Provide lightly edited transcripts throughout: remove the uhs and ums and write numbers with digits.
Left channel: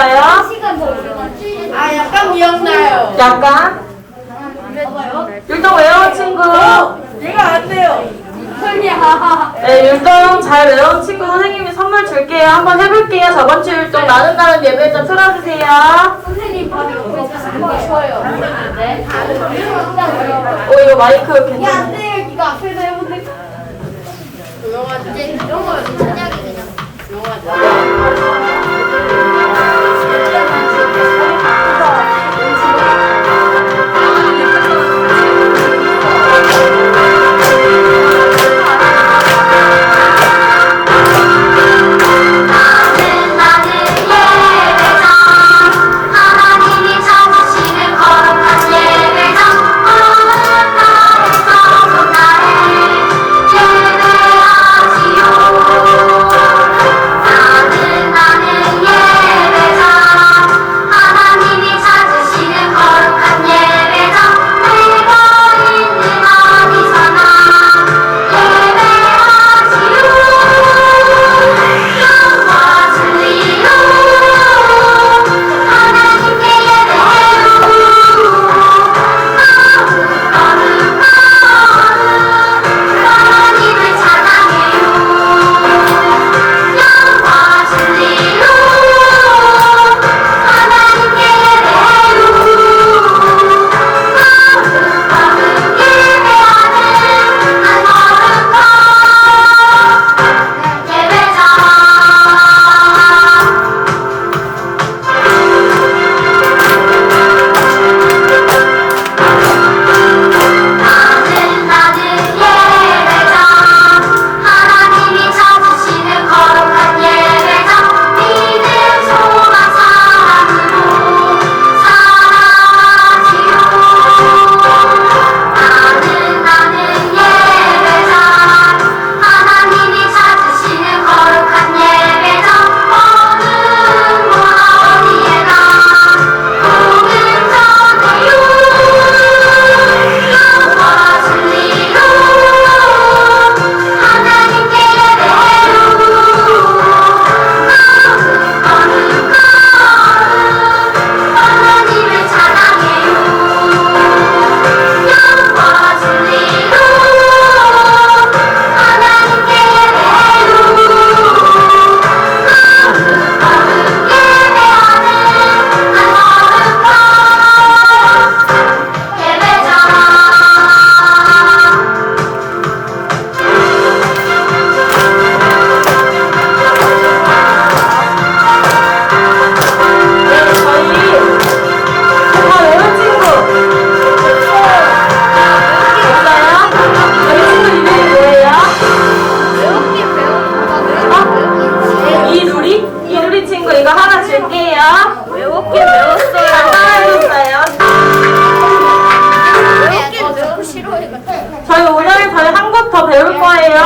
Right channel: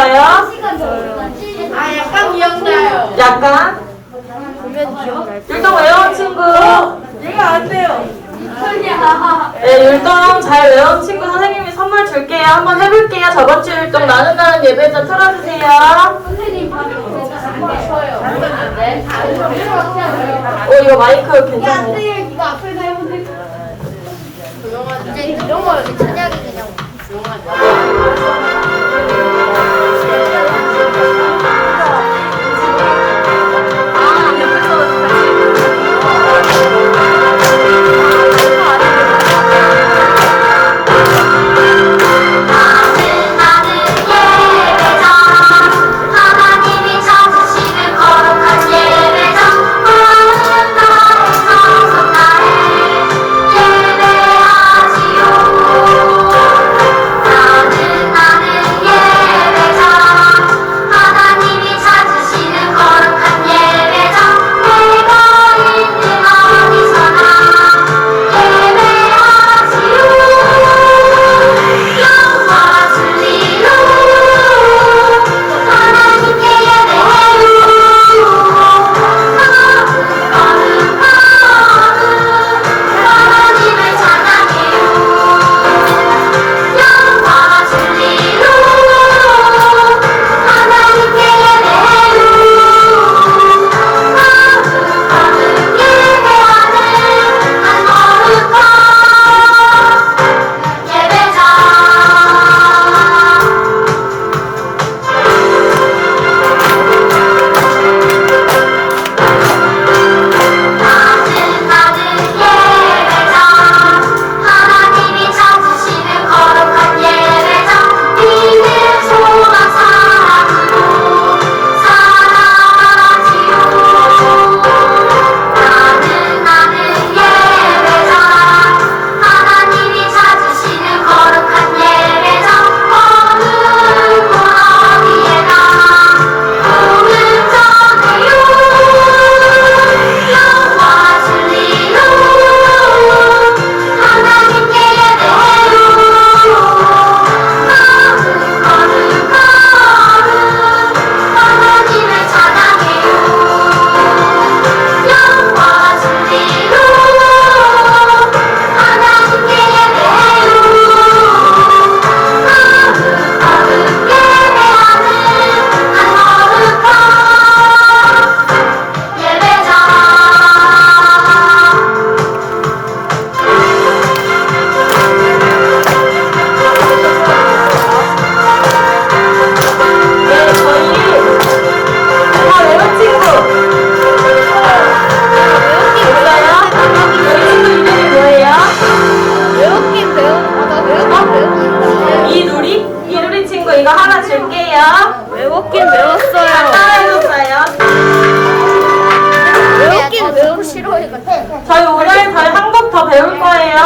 기억나요? 아, 약간 기억나요. 약간? 율동 외운 친구. 얘가 안 돼요. 네, 율동 잘 외운 친구 선생님이 선물 줄게요. 한번 해볼게요. 저번 주 율동 나눈다는 예배자 틀어주세요. 선생님 바로 네. 이거 마이크 안 괜찮아요? 돼요. 이거 앞에서 해보세요. 조용하자. 이런 거 진작에 그냥 하나님이 찾으시는 거룩한 예배장 하나는 나의 거룩한 날에 예배하지요. 나는 예배장 하나님이 찾으시는 거룩한 예배장 내가 있는 어디서나 예배하지요. 영과 진리로 하나님께 예배해요. 하나님을 찬양해요. 영과 진리로 하나님께 예배해요. 예배하는 한 거룩한 예배장 나는 예배장 하나님이 찾으시는 거룩한 예배장 믿음 소망 사랑으로 살아가지요. 나는 예배장 하나님이 찾으시는 거룩한 예배장 어느 곳 어디에나 복음 전해요. 영과 진리로 하나님께 예배해요. 거룩한 하나님을 찬양해요. 영과 진리로 하나님께 예배해요. 거룩 예배하는 거룩한 예배장 네, 저희 다 외운 친구. 뭐예요? 우리 친구 이름이 뭐예요? 외우긴 배웠다. 외우긴 이누리 친구 이거 하나 줄게요. 외웠긴 외웠어요. 따라해줬어요. 외웠긴 외우고 싫어하니까. 저희 오늘 저희 한국 더 배울 거예요.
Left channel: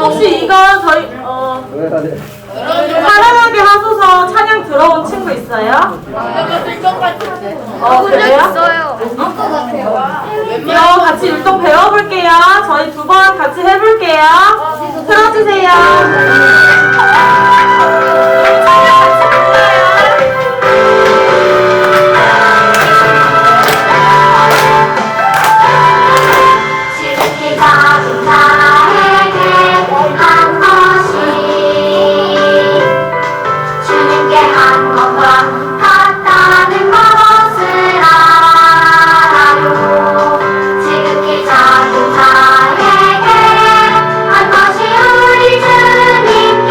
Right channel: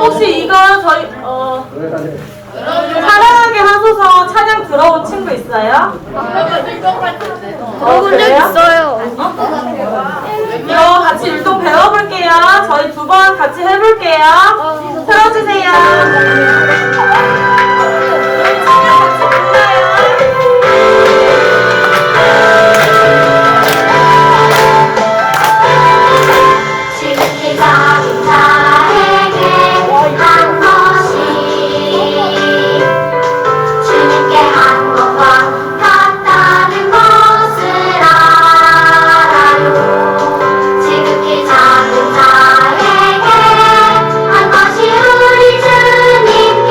혹시 이거 저희 사랑하게 하소서 찬양 들어온 친구 있어요? 본적 그래요? 있어요. 이거 같이 율동 배워볼게요. 저희 두 번 같이 해볼게요. 틀어주세요. 그럼 찬양 같이 불러요. 지극히 작은 자에게 한 것이 주님께 한 것과 같다는 것을 알아요. 지극히 작은 자에게 한 것이 우리 주님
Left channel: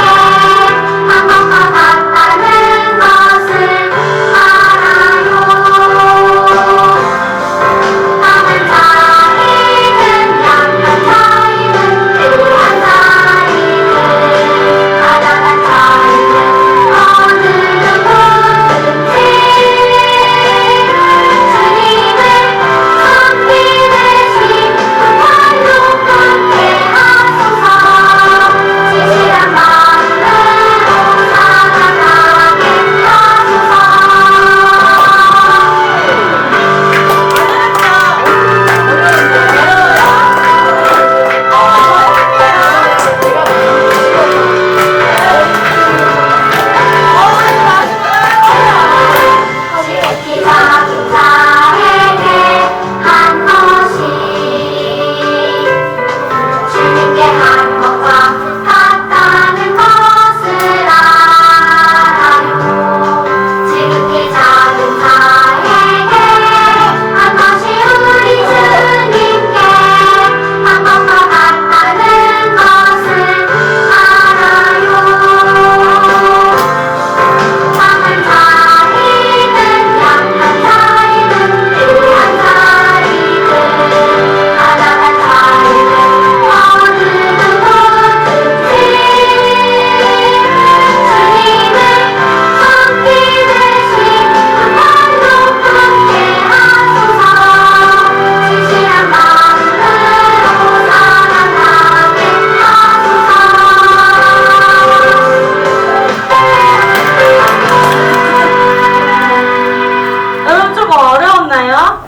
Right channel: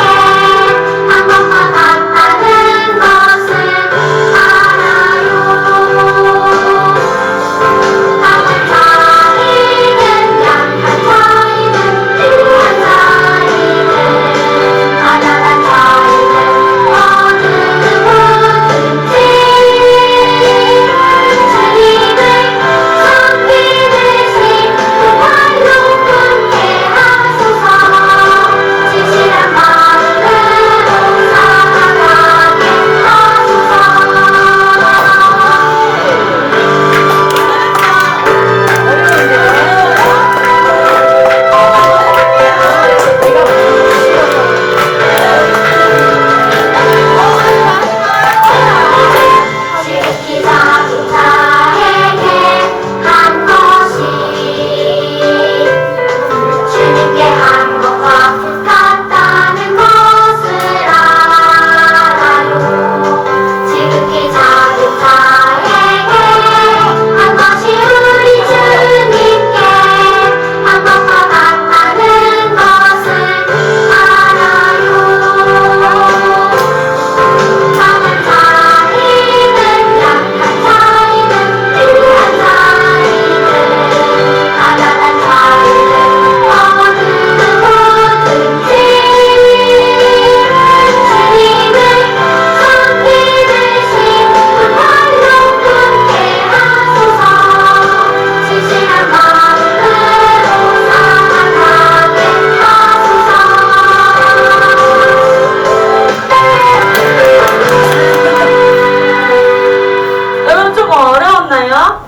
어려웠나요?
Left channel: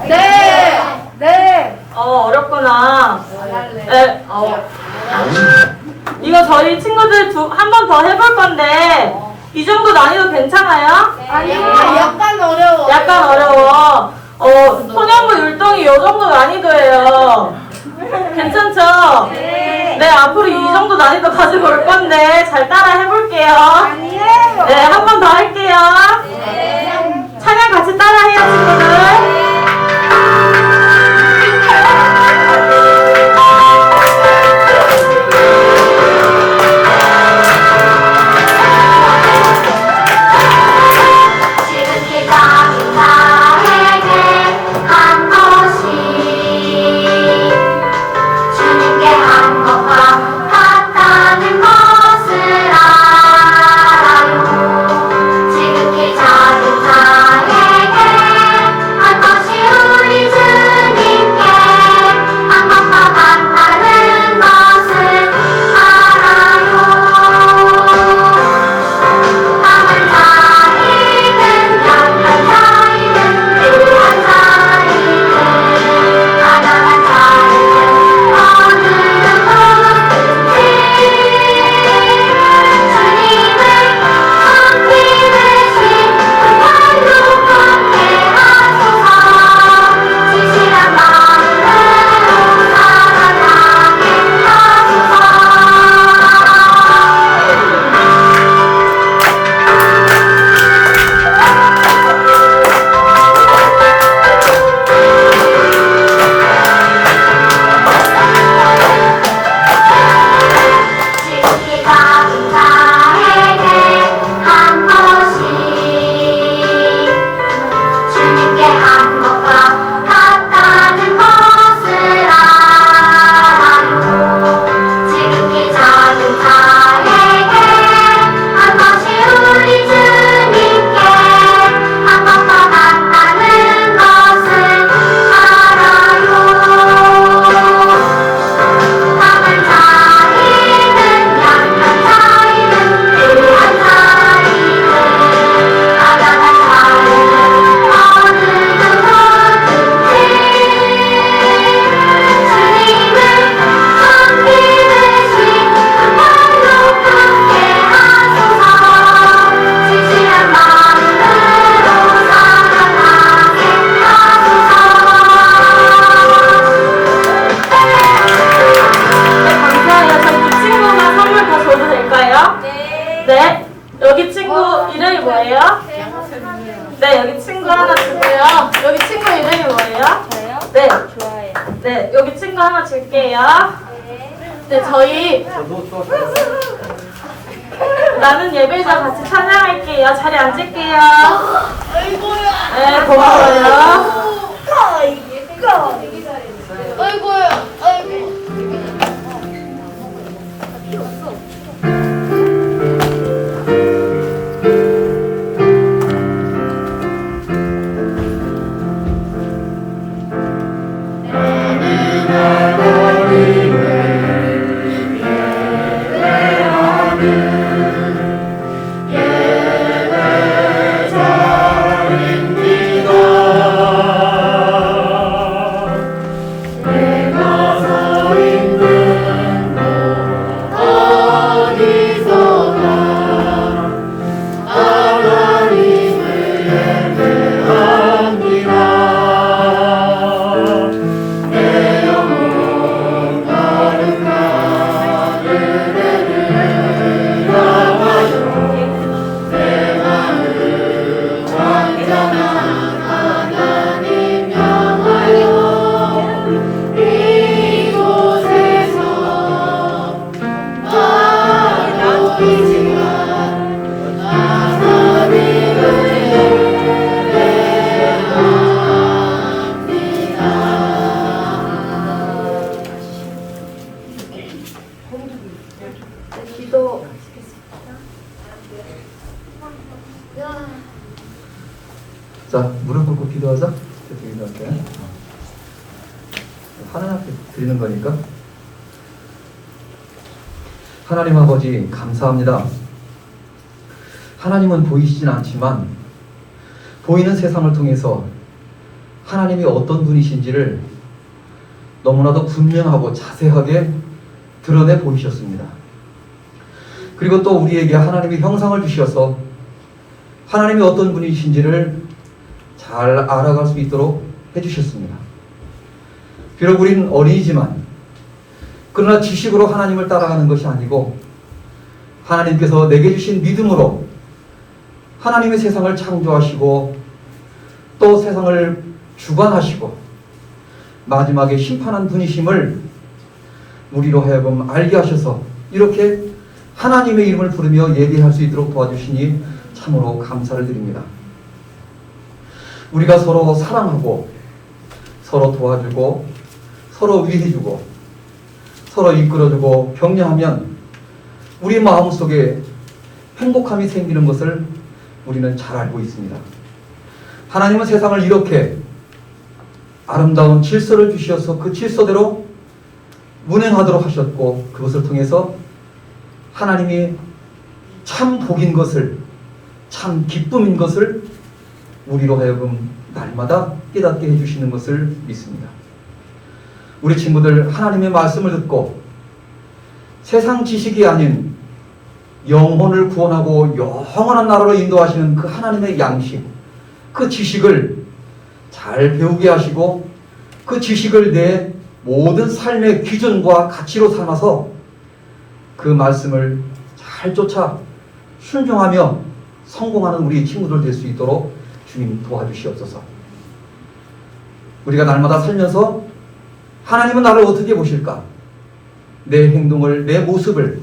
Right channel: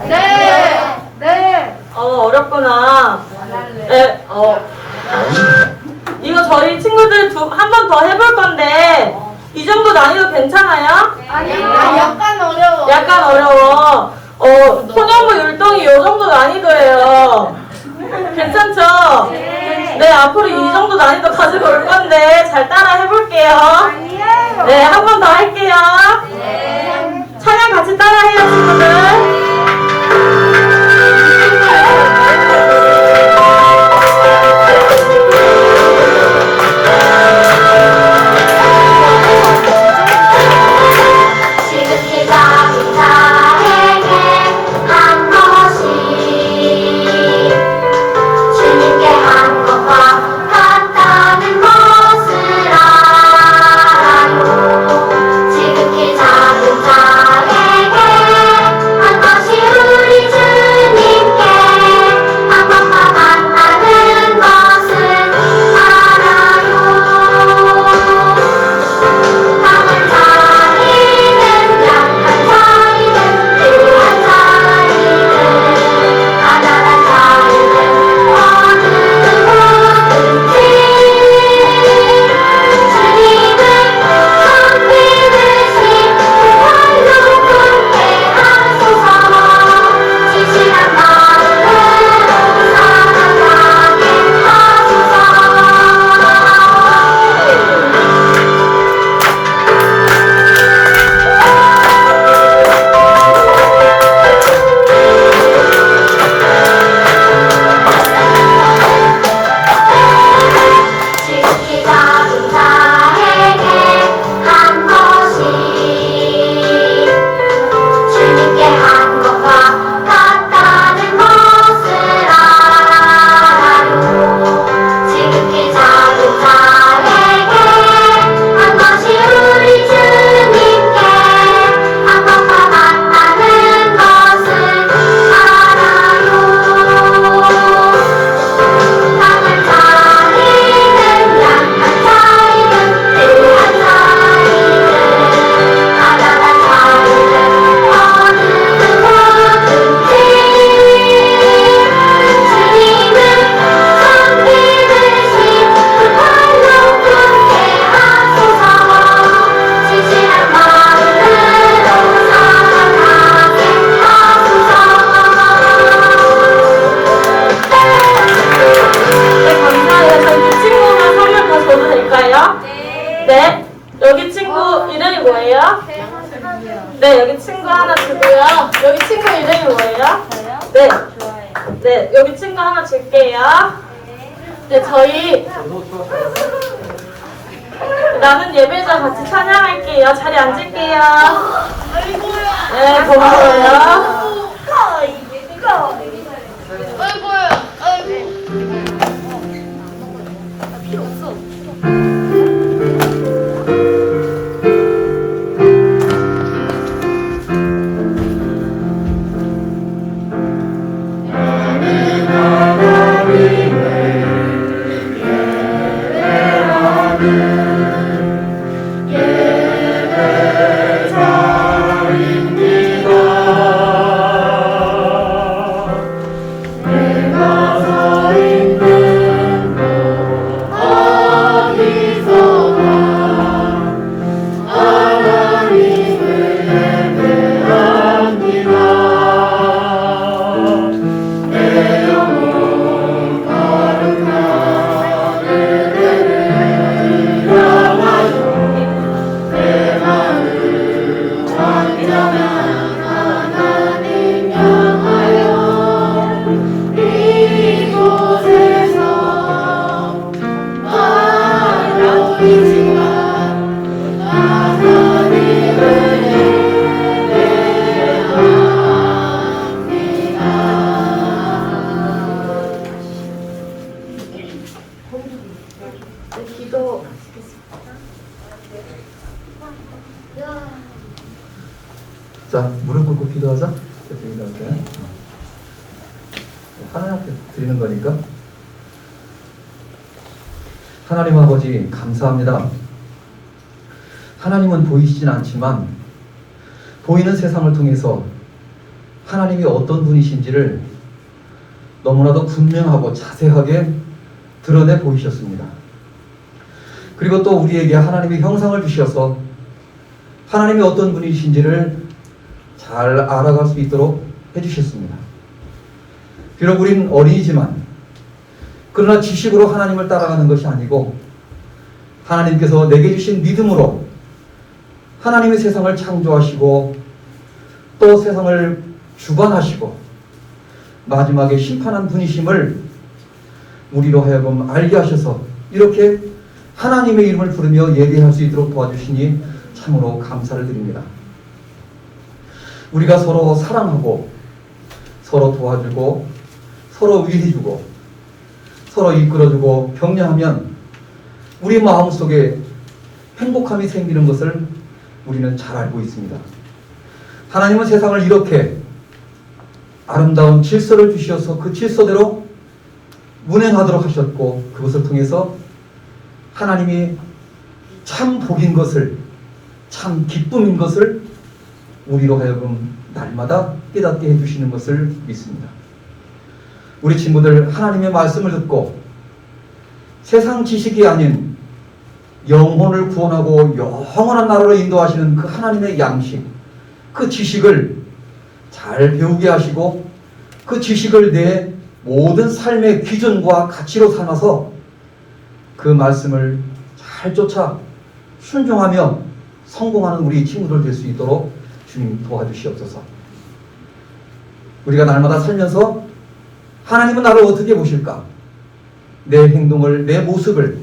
네. 어렵구나. 네, 이거 저희 친구들 한 번 더 해볼 건데, 이 정도 난이도 괜찮아요? 약간 어려워. 약간 어려워. 소년부 율동이 이 정도 난이도예요. 괜찮죠? 네, 앞으로 이 정도 난이도 가지고 올 건데, 잘 따라 해볼게요. 네, 한 번 더 할게요. 찬양 같이 따라해요, 친구들. 지극히 작은 자에게 한 것이 주님께 한 것과 같다는 것을 알아요. 지극히 작은 자에게 한 것이 우리 주님께 한 것과 같다는 것을 알아요. 강한 자이든 약한 자이든 부한 자이든 가난한 자이든 어느 누구든지 주님을 섬기듯이 팔로 품게 하소서. 진실한 마음으로 살아가게 하소서. 지극히 작은 자에게 한 것이 주님께 한 것과 같다는 것을 알아요. 지극히 작은 자에게 한 것이 우리 주님께 한 것과 같다는 것을 알아요. 강한 자이든 약한 자이든 부한 자이든 가난한 자이든 어느 누구든지 주님을 섬기듯이 그 팔로 품게 하소서. 진실한 마음으로 살아가게 하소서. 네, 감사해요. 저희 이 친구만 선물 더 줘도 될까요? 네. 여기 친구 이름이 뭐예요? 네, 여기 친구 하나 주고요. 여기 친구 이름이 뭐예요? 네. 네, 여기 친구 하나 줄게요. 네, 저희 나는 예배자 같이 찬양할게요. 자리 앉을게요. 네, 고마워요. 자, 무릎 꿇고 기도하자. 기도할게. 하나님 앞에 드리는 거니까. 하나님 아버지 감사합니다. 하나님은 보이시진 않지만 보이는 세상을 통해서 하나님이 어떤 분이신지를 너무나도 분명하고 자세하게 드러내 보이셨습니다. 그리고 또 우리에게 하나님의 형상을 주셔서 하나님이 어떤 분이신지를 잘 알아갈 수 있도록 해주셨습니다. 비록 우린 어린이지만 그러나 지식으로 하나님을 따라가는 것이 아니고 하나님께서 내게 주신 믿음으로 하나님의 세상을 창조하시고 또 세상을 주관하시고 마지막에 심판한 분이심을 우리로 하여금 알게 하셔서 이렇게 하나님의 이름을 부르며 예배할 수 있도록 도와주시니 참으로 감사를 드립니다. 우리가 서로 사랑하고 서로 도와주고 서로 위해주고 서로 이끌어주고 격려하면 우리 마음속에 행복함이 생기는 것을 우리는 잘 알고 있습니다. 하나님은 세상을 이렇게 아름다운 질서를 주셔서 그 질서대로 운행하도록 하셨고 그것을 통해서 하나님이 참 복인 것을 참 기쁨인 것을 우리로 하여금 날마다 깨닫게 해주시는 것을 믿습니다. 우리 친구들 하나님의 말씀을 듣고 세상 지식이 아닌 영혼을 구원하고 영원한 나라로 인도하시는 그 하나님의 양식, 그 지식을 잘 배우게 하시고 그 지식을 내 모든 삶의 기준과 가치로 삼아서 그 말씀을 잘 쫓아 순종하며 성공하는 우리 친구들 될 수 있도록 주님 도와주시옵소서. 우리가 날마다 살면서 하나님은 나를 어떻게 보실까? 내 행동을, 내 모습을,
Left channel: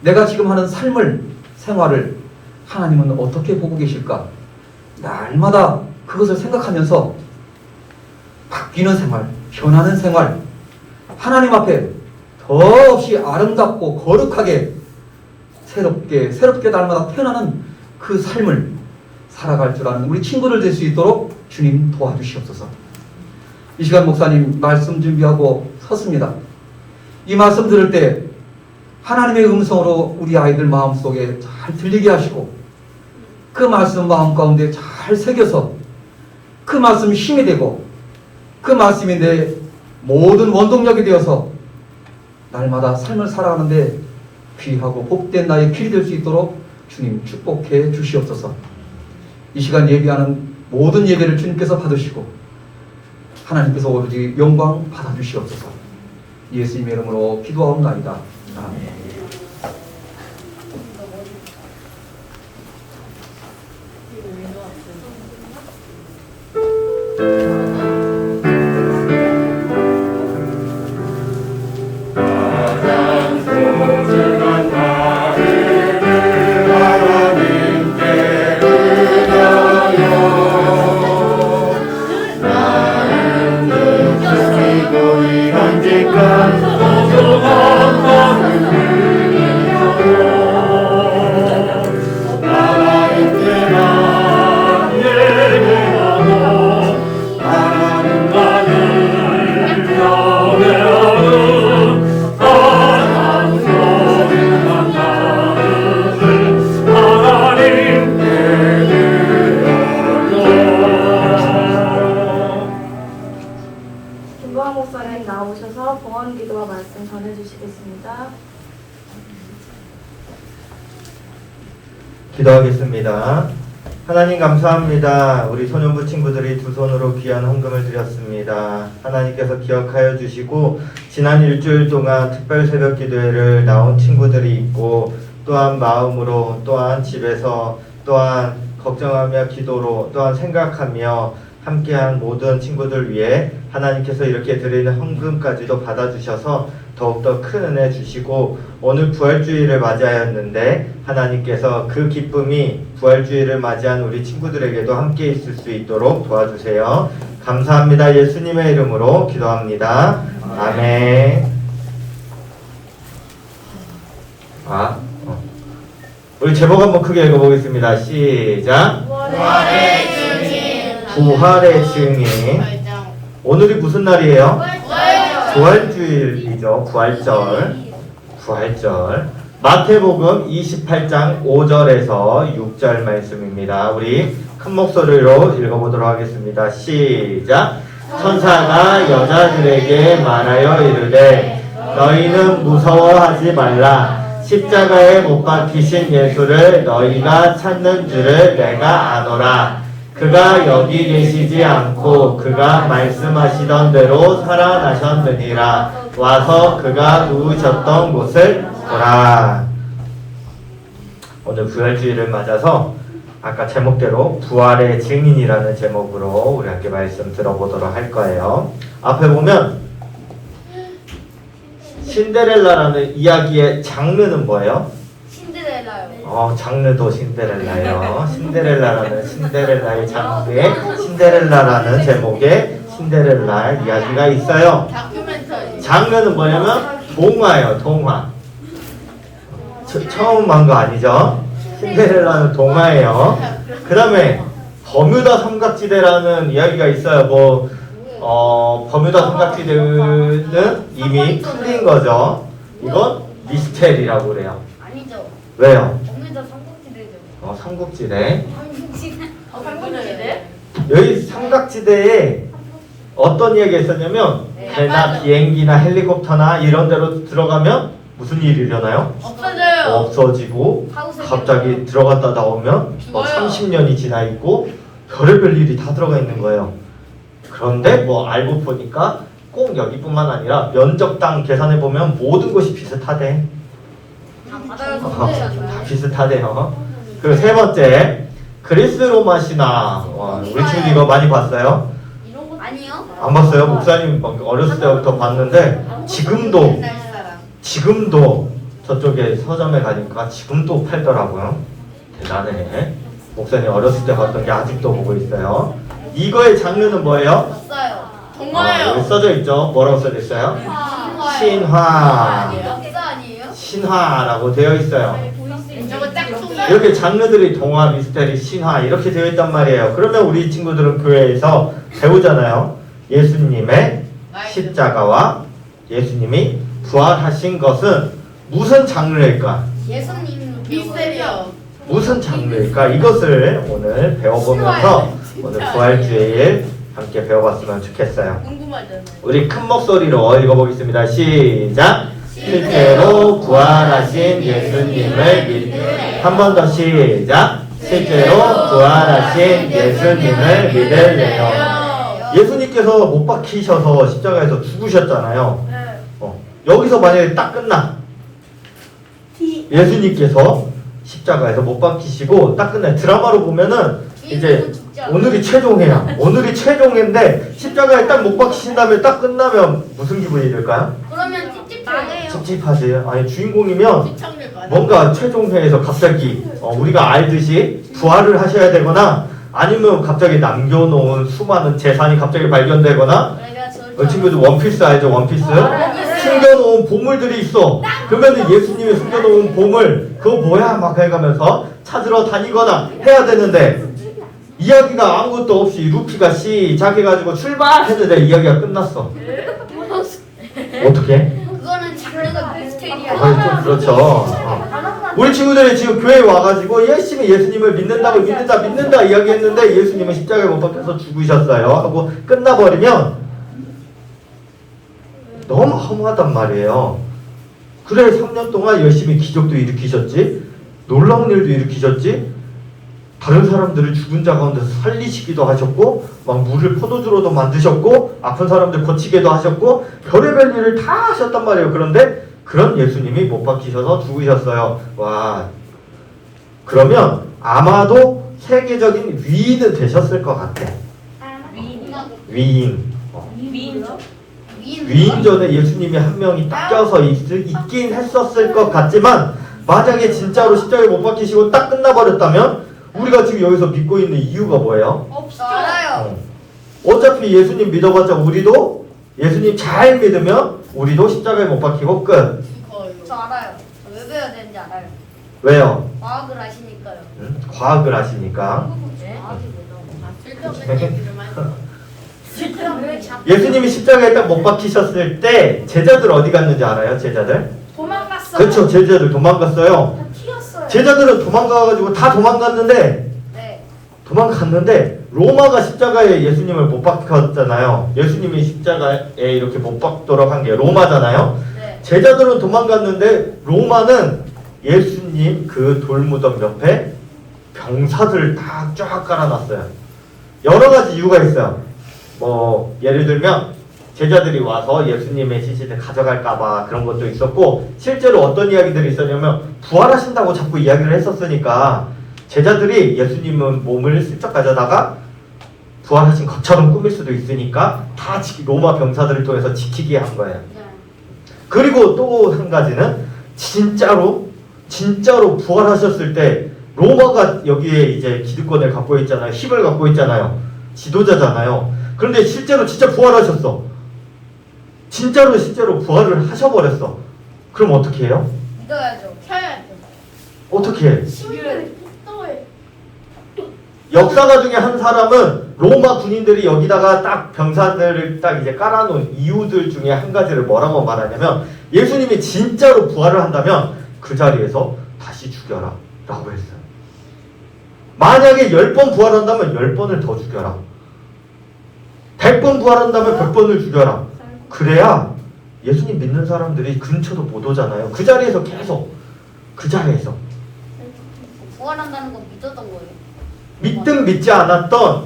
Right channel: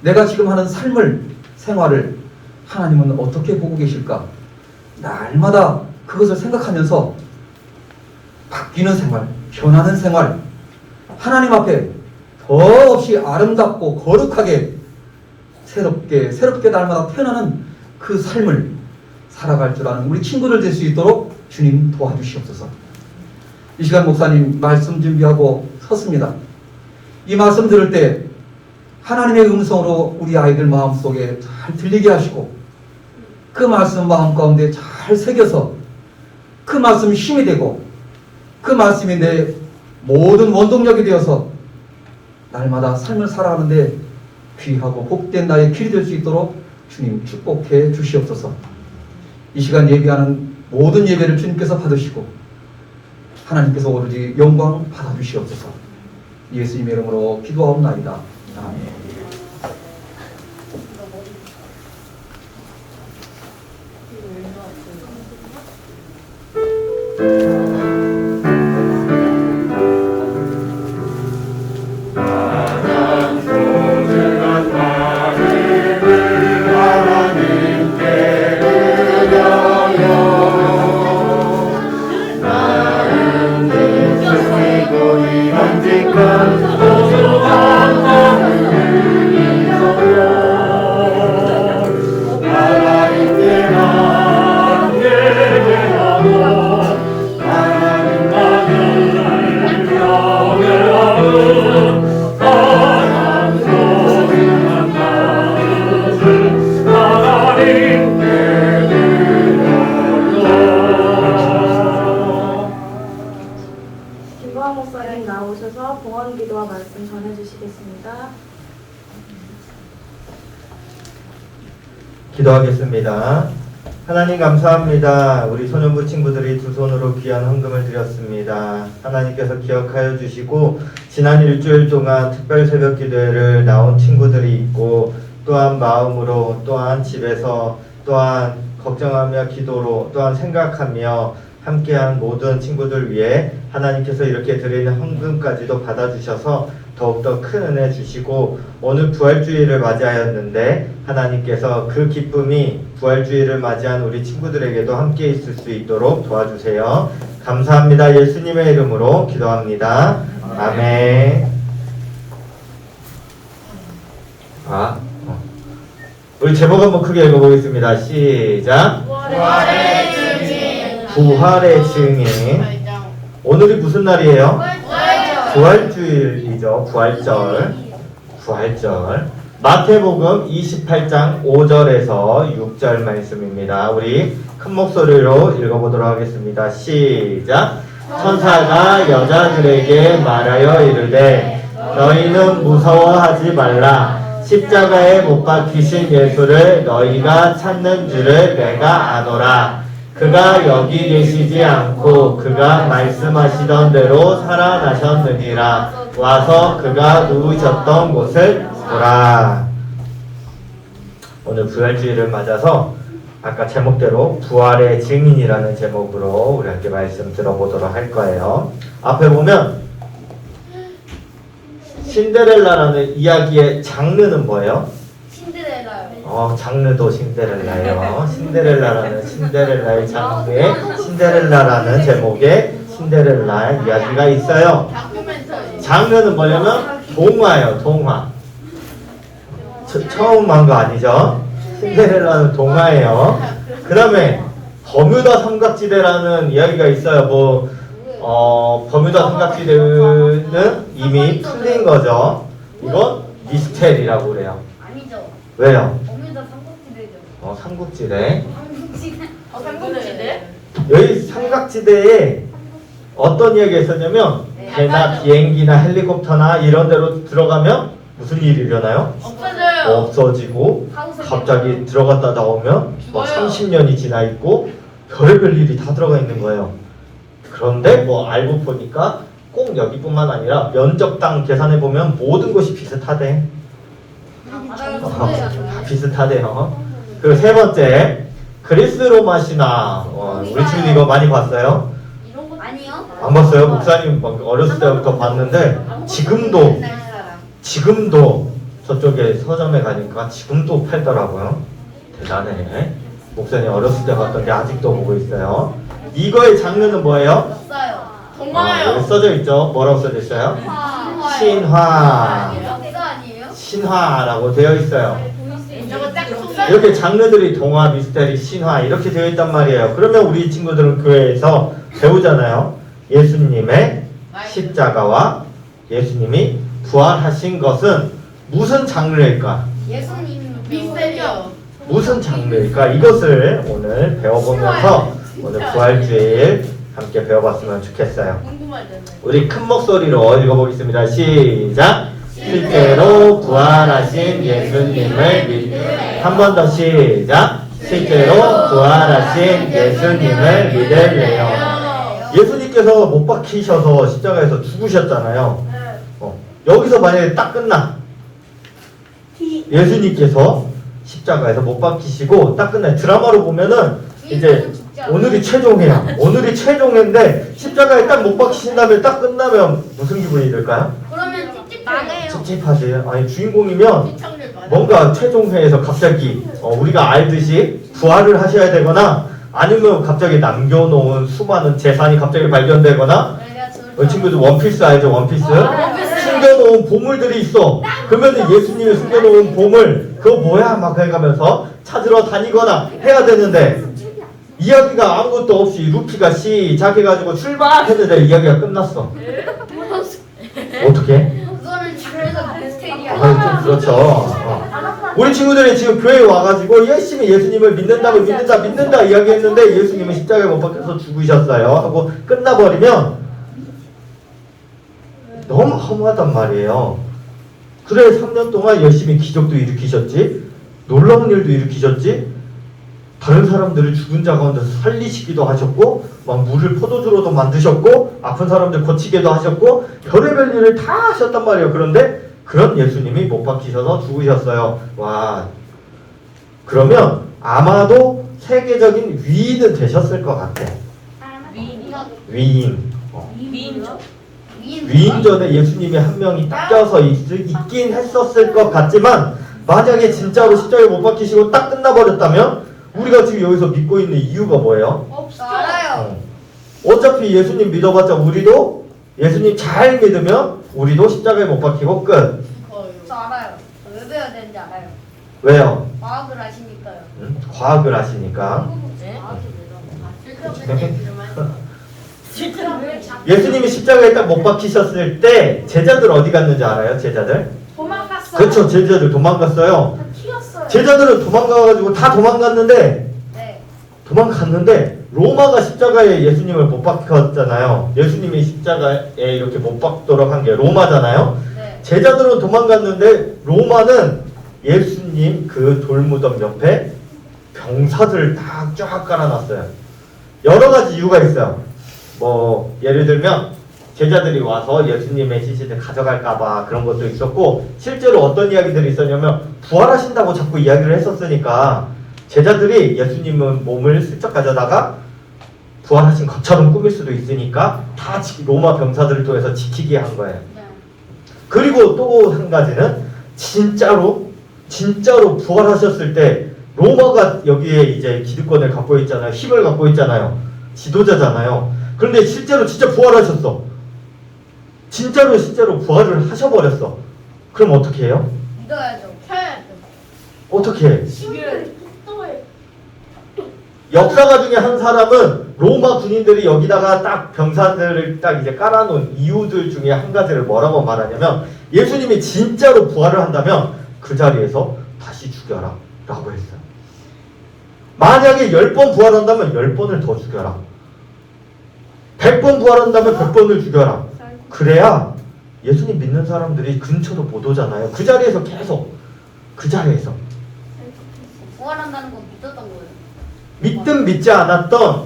내가 지금 하는 삶을, 생활을 하나님은 어떻게 보고 계실까? 날마다 그것을 생각하면서 바뀌는 생활, 변하는 생활, 하나님 앞에 더없이 아름답고 거룩하게 새롭게 날마다 태어나는 그 삶을 살아갈 줄 아는 우리 친구들 될 수 있도록 주님 도와주시옵소서. 이 시간 목사님 말씀 준비하고 섰습니다. 이 말씀 들을 때 하나님의 음성으로 우리 아이들 마음속에 잘 들리게 하시고 그 말씀 마음 가운데 잘 새겨서 그 말씀이 힘이 되고 그 말씀이 내 모든 원동력이 되어서 날마다 삶을 살아가는데 귀하고 복된 나의 길이 될 수 있도록 주님 축복해 주시옵소서. 이 시간 예배하는 모든 예배를 주님께서 받으시고 하나님께서 오로지 영광 받아주시옵소서. 예수님의 이름으로 기도하옵나이다. 아멘. 목사님 나오셔서 봉헌 기도와 말씀 전해주시겠습니다. 기도하겠습니다. 하나님 감사합니다. 우리 소년부 친구들이 두 손으로 귀한 헌금을 드렸습니다. 하나님께서 기억하여 주시고 지난 일주일 동안 특별 새벽 기도회를 나온 친구들이 있고 또한 마음으로 또한 집에서 또한 걱정하며 기도로 또한 생각하며 함께한 모든 친구들 위해 하나님께서 이렇게 드리는 헌금까지도 받아주셔서 더욱더 큰 은혜 주시고 오늘 부활주의를 맞이하였는데 하나님께서 그 기쁨이 부활주의를 맞이한 우리 친구들에게도 함께 있을 수 있도록 도와주세요. 감사합니다. 예수님의 이름으로 기도합니다. 아멘. 우리 제목 한번 크게 읽어보겠습니다. 시작. 부활의 증인. 오늘이 무슨 날이에요? 부활주일이죠. 부활절. 마태복음 28장 5절에서 6절 말씀입니다. 우리 큰 목소리로 읽어보도록 하겠습니다. 시작. 천사가 여자들에게 말하여 이르되 너희는 무서워하지 말라. 십자가에 못 박히신 예수를 너희가 찾는 줄을 내가 아노라. 그가 여기 계시지 않고 그가 말씀하시던 대로 살아나셨느니라. 와서 그가 누우셨던 곳을 보라. 오늘 부활주의를 맞아서 아까 제목대로 부활의 증인이라는 제목으로 우리 함께 말씀 들어보도록 할 거예요. 앞에 보면 신데렐라라는 이야기의 장르는 뭐예요? 신데렐라요. 장르도 신데렐라예요. 신데렐라라는 신데렐라의 장르에 신데렐라라는 제목의 신데렐라 이야기가 있어요. 장르는 뭐냐면 동화예요. 동화. 처음 한 거 아니죠? 신데렐라는 동화예요. 그 다음에 버뮤다 삼각지대라는 이야기가 있어요. 버뮤다 삼각지대는 이미 풀린 거죠. 이건 미스테리라고 그래요. 아니죠. 왜요? 어머니도 삼국지대죠. 삼국지대. 삼국지대? 여기 삼각지대에 어떤 이야기가 있었냐면 배나 비행기나 헬리콥터나 이런 데로 들어가면 무슨 일이 일어나요? 없어지고 갑자기 들어갔다 나오면 30년이 지나 있고 별의별 일이 다 들어가 있는 거예요. 그런데 알고 보니까 꼭 여기뿐만 아니라 면적당 계산해 보면 모든 곳이 비슷하대. 비슷하대요. 그리고 세 번째 그리스 로마 신화. 우리 친구 이거 많이 봤어요? 이런 거 아니요? 안 봤어요? 목사님 어렸을 때부터 봤는데 지금도 저쪽에 서점에 가니까 지금도 팔더라고요. 대단해. 목사님 어렸을 때 봤던 게 아직도 보고 있어요. 이거의 장르는 뭐예요? 없어요. 여기 써져 있죠. 뭐라고 써져 있어요? 신화. 역사 아니에요? 신화라고 되어 있어요. 저거 딱 이렇게 장르들이 동화, 미스테리, 신화 이렇게 되어 있단 말이에요. 그러면 우리 친구들은 교회에서 배우잖아요. 예수님의 십자가와 예수님이 부활하신 것은 무슨 장르일까? 예수님 미스테리요. 무슨 장르일까? 이것을 오늘 배워보면서 오늘 부활주일 함께 배워봤으면 좋겠어요. 우리 큰 목소리로 읽어보겠습니다. 시작! 실제로 부활하신 예수님을 한 번 더 시작! 실제로 부활하신 예수님을 믿을래요. 예수님께서 못 박히셔서 십자가에서 죽으셨잖아요. 여기서 만약에 딱 끝나. 예수님께서 십자가에서 못 박히시고 딱 끝나. 드라마로 보면은 이제 오늘이 최종회야. 오늘이 최종회인데 십자가에 딱 못 박히신 다음에 딱 끝나면 무슨 기분이 들까요? 그러면 찝찝해요. 찝찝하지. 아니 주인공이면 뭔가 최종회에서 갑자기 우리가 알듯이 부활을 하셔야 되거나 아니면 갑자기 남겨놓은 수많은 재산이 갑자기 발견되거나 친구들 원피스 알죠? 원피스? 숨겨놓은 보물들이 있어. 그러면 예수님이 숨겨놓은 보물 그거 뭐야? 막 해가면서 찾으러 다니거나 해야 되는데 이야기가 아무것도 없이 루피가 시작해가지고 출발했는데 이야기가 끝났어. 어떻게? 그거는 장르가 미스테리야. 좀 그렇죠. 우리 친구들이 지금 교회에 와가지고 열심히 예수님을 믿는다 이야기했는데 예수님은 십자가에 못 박혀서 죽으셨어요 하고 끝나버리면 너무 허무하단 말이에요. 그래 3년 동안 열심히 기적도 일으키셨지, 놀라운 일도 일으키셨지, 다른 사람들을 죽은 자 가운데서 살리시기도 하셨고 막 물을 포도주로도 만드셨고 아픈 사람들 고치기도 하셨고 별의별 일을 다 하셨단 말이에요. 그런데 그런 예수님이 못 박히셔서 죽으셨어요. 와, 그러면 아마도 세계적인 위인은 되셨을 것 같아. 위인. 위인전에 예수님이 한 명이 딱 껴서 있긴 했었을 것 같지만 만약에 진짜로 십자가에 못 박히시고 딱 끝나버렸다면 우리가 지금 여기서 믿고 있는 이유가 뭐예요? 알아요. 어차피 예수님 믿어봤자 우리도 예수님 잘 믿으면 우리도 십자가에 못 박히고 끝. 저 알아요. 왜 배워야 되는지 알아요. 왜요? 과학을 아시니까요. 과학을 아시니까. 예수님이 십자가에 딱 못 박히셨을 때 제자들 어디 갔는지 알아요? 제자들? 도망갔어요. 그렇죠. 제자들 도망갔어요. 제자들은 도망가가지고 다 도망갔는데 네. 도망갔는데 로마가 십자가에 예수님을 못 박혔잖아요. 예수님이 십자가에 이렇게 못 박도록 한 게 로마잖아요. 네. 제자들은 도망갔는데 로마는 예수님 그 돌무덤 옆에 병사들을 다 쫙 깔아놨어요. 여러 가지 이유가 있어요. 뭐 예를 들면 제자들이 와서 예수님의 시신을 가져갈까봐 그런 것도 있었고, 실제로 어떤 이야기들이 있었냐면 부활하신다고 자꾸 이야기를 했었으니까 제자들이 예수님은 몸을 슬쩍 가져다가 부활하신 것처럼 꾸밀 수도 있으니까 다 로마 병사들을 통해서 지키게 한 거예요. 그리고 또 한 가지는 진짜로 부활하셨을 때 로마가 여기에 이제 기득권을 갖고 있잖아요. 힘을 갖고 있잖아요. 지도자잖아요. 그런데 실제로 진짜 부활하셨어. 실제로 부활을 하셔버렸어. 그럼 어떻게 해요? 믿어야죠. 켜야죠. 어떻게 해? 역사가 중에 한 사람은 로마 군인들이 여기다가 딱 병사들을 딱 이제 깔아놓은 이유들 중에 한 가지를 뭐라고 말하냐면, 예수님이 진짜로 부활을 한다면 그 자리에서 다시 죽여라 라고 했어요. 만약에 10번 부활한다면 10번을 더 죽여라. 100번 부활한다면 100번을 죽여라. 그래야 예수님 믿는 사람들이 근처도 못 오잖아요. 그 자리에서 계속 그 자리에서 부활한다는 건 믿었던 거예요. 믿든 믿지 않았던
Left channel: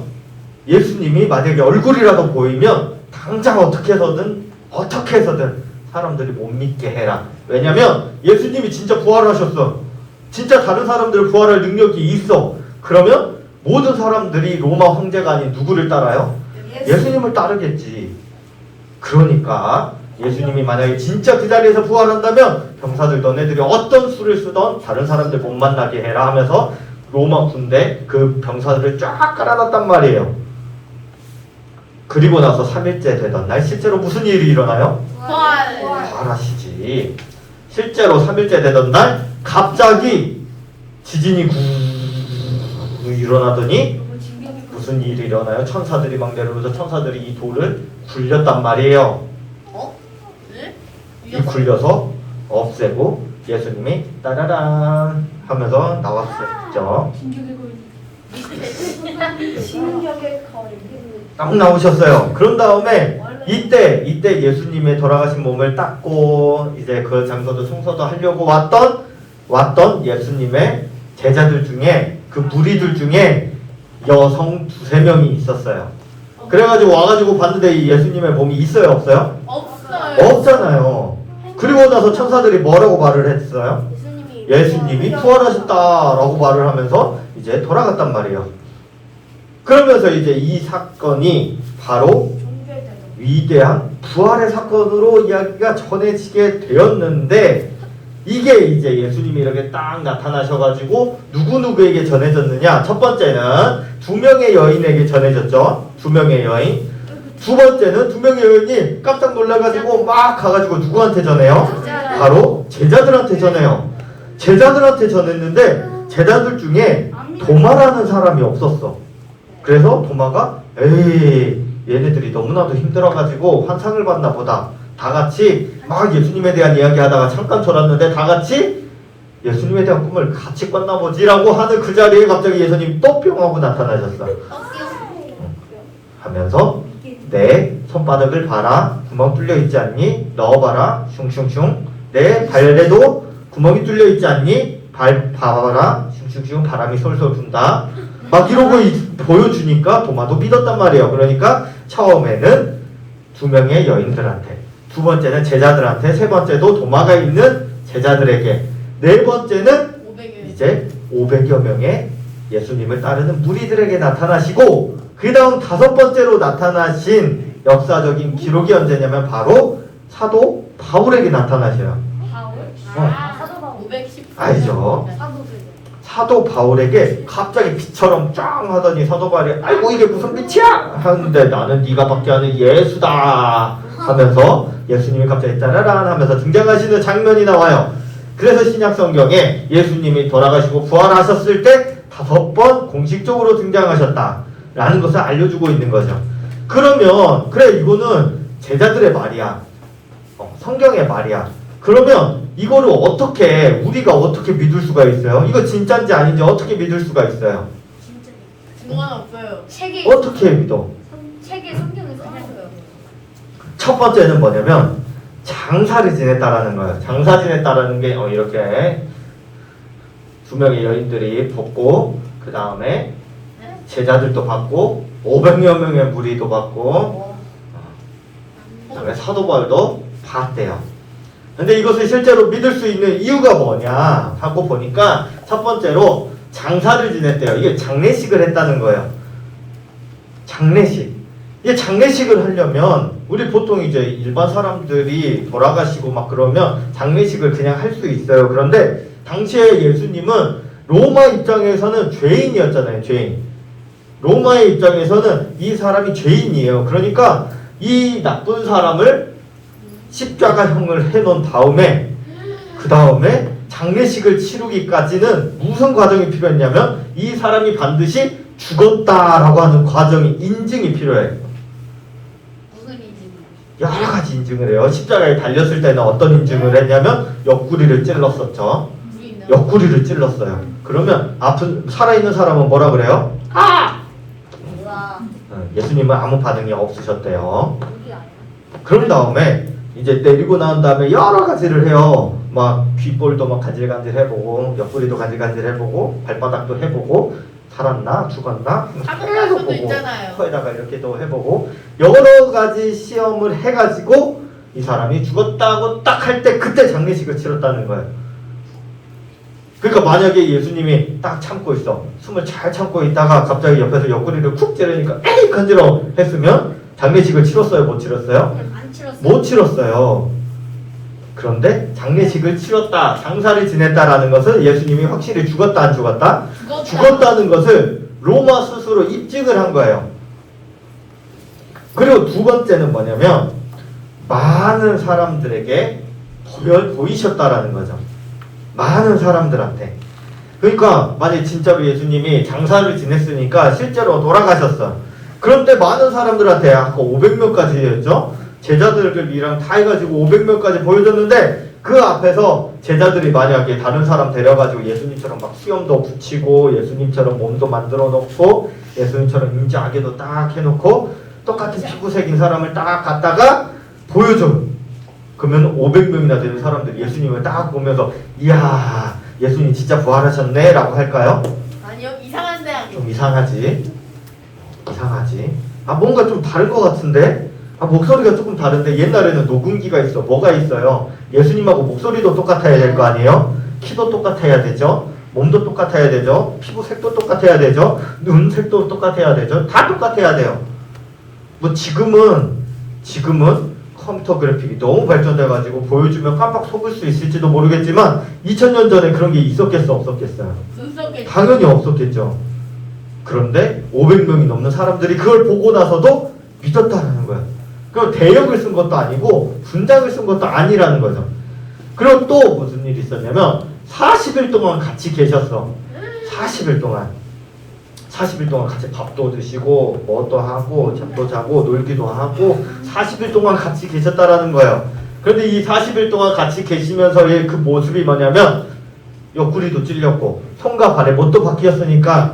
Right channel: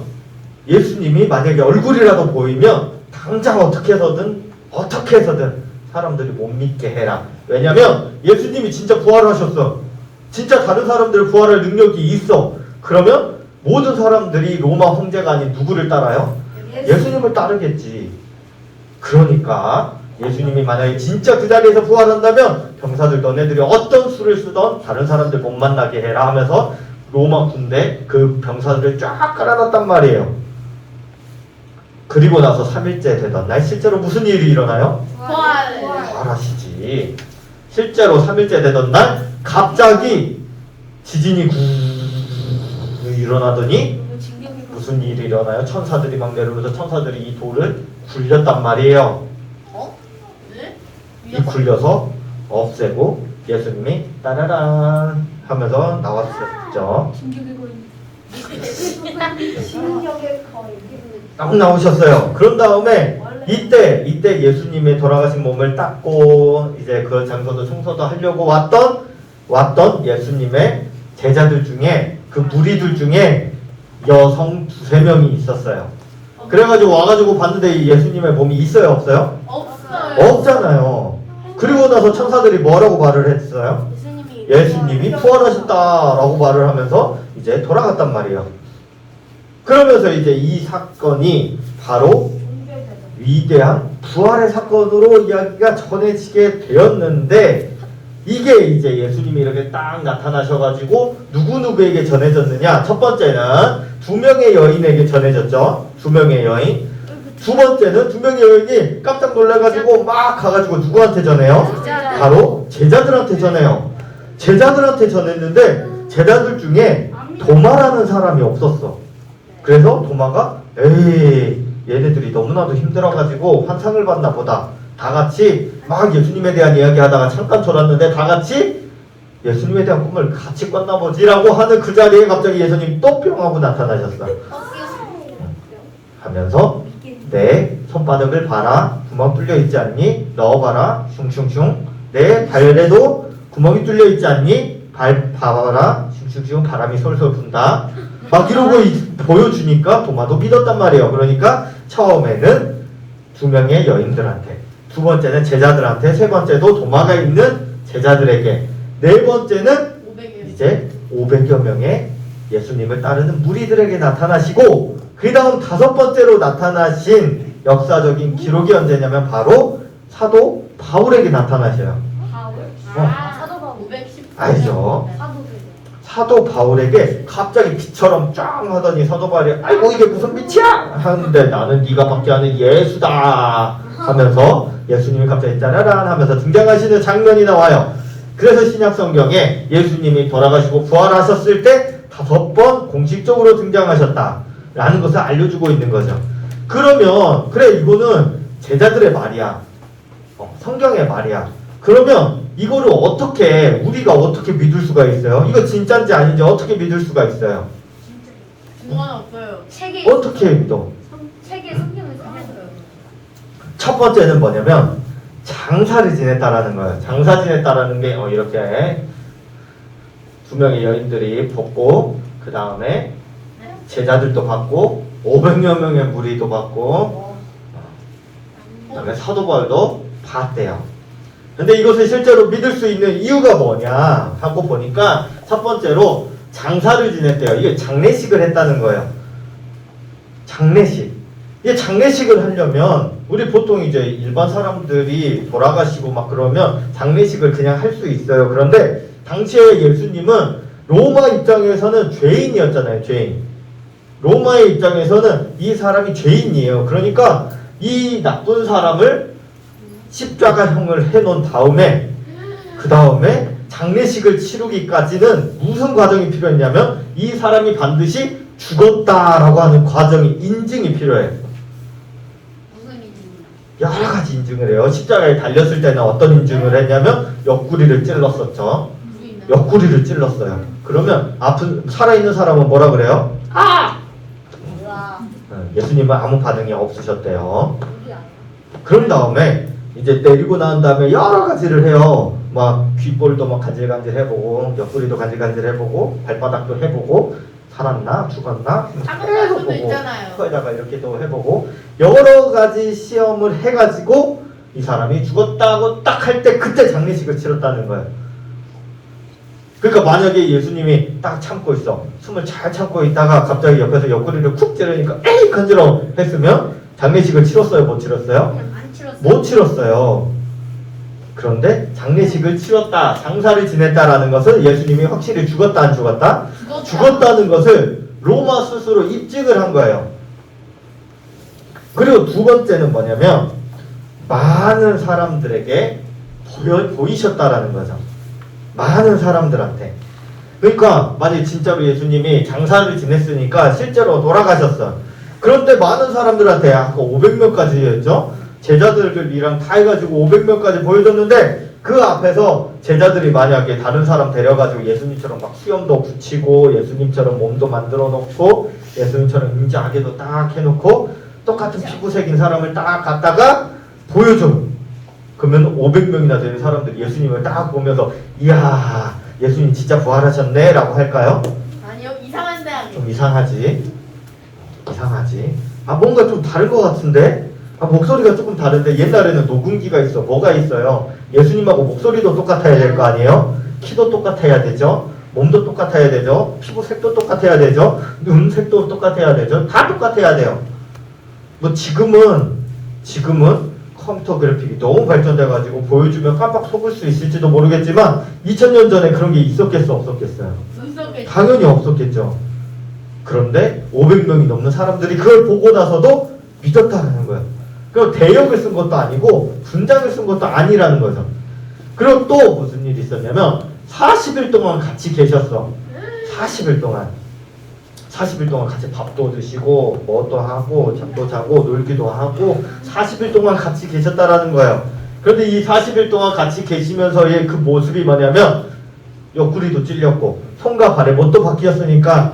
예수님이 만약에 얼굴이라도 보이면 당장 어떻게 해서든 사람들이 못 믿게 해라. 왜냐면 예수님이 진짜 부활하셨어. 진짜 다른 사람들 부활할 능력이 있어. 그러면 모든 사람들이 로마 황제가 아닌 누구를 따라요? 예수님을 따르겠지. 그러니까 예수님이 만약에 진짜 그 자리에서 부활한다면 병사들 너네들이 어떤 수를 쓰던 다른 사람들 못 만나게 해라 하면서 로마 군대 그 병사들을 쫙 깔아놨단 말이에요. 그리고 나서 3일째 되던 날 실제로 무슨 일이 일어나요? 부활하시지. 실제로 3일째 되던 날 갑자기 지진이 구 일어나더니 무슨 일이 일어나요? 천사들이 막 내려오면서 천사들이 이 돌을 굴렸단 말이에요. 네? 이 굴려서 없애고 예수님이 따라란 하면서 나왔었죠. 딱 나오셨어요. 그런 다음에 이때 예수님의 돌아가신 몸을 닦고 이제 그 장소도 청소도 하려고 왔던 예수님의 제자들 중에 그 무리들 중에 여성 2-3명이 있었어요. 그래가지고 와가지고 봤는데 예수님의 몸이 있어요, 없어요? 없잖아요. 그리고 나서 천사들이 뭐라고 말을 했어요? 예수님이 부활하셨다라고 말을 하면서 이제 돌아갔단 말이에요. 그러면서 이제 이 사건이 바로 위대한 부활의 사건으로 이야기가 전해지게 되었는데, 이게 이제 예수님이 이렇게 딱 나타나셔가지고 누구누구에게 전해졌느냐? 첫 번째는 2명의 여인에게 전해졌죠. 2명의 여인. 두 번째는 2명의 여인이 깜짝 놀라가지고 막 가가지고 누구한테 전해요? 바로 제자들한테 전해요. 제자들한테 전했는데 제자들 중에 도마라는 사람이 없었어. 그래서 도마가 에이 얘네들이 너무나도 힘들어가지고 환상을 받나 보다. 다 같이 막 예수님에 대한 이야기하다가 잠깐 졸았는데 다 같이 예수님에 대한 꿈을 같이 꿨나 보지라고 하는 그 자리에 갑자기 예수님이 또 뿅 하고 나타나셨어. 하면서 내 손바닥을 봐라. 구멍 뚫려 있지 않니? 넣어봐라. 슝슝슝. 내 발에도 구멍이 뚫려 있지 않니? 발 봐봐라. 슝슝슝. 바람이 솔솔 분다. 막 이러고 보여주니까 도마도 믿었단 말이에요. 그러니까 처음에는 2명의 여인들한테, 두 번째는 제자들한테, 세 번째도 도마가 있는 제자들에게, 네 번째는 이제 500여 명의 예수님을 따르는 무리들에게 나타나시고, 그 다음 5번째로 나타나신 역사적인 기록이 언제냐면 바로 사도 바울에게 나타나셔요. 알죠? 사도 바울에게 갑자기 빛처럼 쫙 하더니 사도 바울이 아이고 이게 무슨 빛이야? 하는데 나는 네가 받게 하는 예수다 하면서 예수님이 갑자기 짜라란 하면서 등장하시는 장면이 나와요. 그래서 신약 성경에 예수님이 돌아가시고 부활하셨을 때 5번 공식적으로 등장하셨다 라는 것을 알려주고 있는 거죠. 그러면 그래 이거는 제자들의 말이야. 성경의 말이야. 그러면 이거를 우리가 어떻게 믿을 수가 있어요? 이거 진짜인지 아닌지 어떻게 믿을 수가 있어요? 없어요. 어떻게 믿어? 책에 성경에서 해놨어요. 첫 번째는 뭐냐면 장사를 지냈다라는 거예요. 장사 지냈다라는 게 이렇게 두 명의 여인들이 벗고 그 다음에 제자들도 받고 500여 명의 무리도 받고 그 다음에 사도 바울도 봤대요. 근데 이것을 실제로 믿을 수 있는 이유가 뭐냐 하고 보니까 첫 번째로 장사를 지냈대요. 이게 장례식을 했다는 거예요. 장례식. 이게 장례식을 하려면 우리 보통 이제 일반 사람들이 돌아가시고 막 그러면 장례식을 그냥 할 수 있어요. 그런데 당시에 예수님은 로마 입장에서는 죄인이었잖아요. 죄인. 로마의 입장에서는 이 사람이 죄인이에요. 그러니까 이 나쁜 사람을 십자가형을 해놓은 다음에 그 다음에 장례식을 치르기까지는 무슨 과정이 필요했냐면 이 사람이 반드시 죽었다라고 하는 과정이 인증이 필요해요. 무슨 일이에요? 여러 가지 인증을 해요. 십자가에 달렸을 때는 어떤 인증을 했냐면 옆구리를 찔렀었죠. 옆구리를 찔렀어요. 그러면 아픈 살아있는 사람은 뭐라 그래요? 아! 우와. 예수님은 아무 반응이 없으셨대요. 우리 아야? 그런 다음에 이제 때리고 난 다음에 여러 가지를 해요. 막 귓볼도 막 간질간질 해보고 옆구리도 간질간질 해보고 발바닥도 해보고 살았나 죽었나 계속 수도 보고 있잖아요. 코에다가 이렇게도 해보고 여러 가지 시험을 해가지고 이 사람이 죽었다고 딱 할 때 그때 장례식을 치렀다는 거예요. 그러니까 만약에 예수님이 딱 참고 있어 숨을 잘 참고 있다가 갑자기 옆에서 옆구리를 쿡 찌르니까 에이 간지러워 했으면 장례식을 치렀어요 못 치렀어요? 안 치렀어요. 못 치렀어요. 그런데 장례식을 치렀다, 장사를 지냈다라는 것은 예수님이 확실히 죽었다 안 죽었다? 죽었다는 것을 로마 스스로 입증을 한 거예요. 그리고 두 번째는 뭐냐면 많은 사람들에게 보이셨다라는 거죠. 많은 사람들한테. 그러니까 만약 진짜로 예수님이 장사를 지냈으니까 실제로 돌아가셨어. 그런데 많은 사람들한테 아까 500명까지 했죠? 제자들이랑 다 해가지고 500명까지 보여줬는데 그 앞에서 제자들이 만약에 다른 사람 데려가지고 예수님처럼 막 수염도 붙이고 예수님처럼 몸도 만들어 놓고 예수님처럼 인자하게도 딱 해놓고 똑같은 피부색인 사람을 딱 갖다가 보여줘. 그러면 500명이나 되는 사람들이 예수님을 딱 보면서 이야 예수님 진짜 부활하셨네 라고 할까요? 아니요, 이상한데 아니요. 좀 이상하지. 아 뭔가 좀 다를 것 같은데? 아 목소리가 조금 다른데 옛날에는 녹음기가 있어. 뭐가 있어요? 예수님하고 목소리도 똑같아야 될 거 아니에요? 키도 똑같아야 되죠? 몸도 똑같아야 되죠? 피부색도 똑같아야 되죠? 눈색도 똑같아야 되죠? 다 똑같아야 돼요. 뭐 지금은 컴퓨터 그래픽이 너무 발전돼가지고 보여주면 깜빡 속을 수 있을지도 모르겠지만 2000년 전에 그런 게 있었겠어 없었겠어요? 눈 속에 당연히 없었겠죠. 그런데 500명이 넘는 사람들이 그걸 보고 나서도 믿었다는 거예요. 그리고 대역을 쓴 것도 아니고 분장을 쓴 것도 아니라는 거죠. 그리고 또 무슨 일이 있었냐면 40일 동안 같이 계셨어. 40일 동안 같이 밥도 드시고 뭐도 하고 잠도 자고 놀기도 하고 40일 동안 같이 계셨다라는 거예요. 그런데 이 40일 동안 같이 계시면서의 그 모습이 뭐냐면 옆구리도 찔렸고 손과 발에 못도 박혔으니까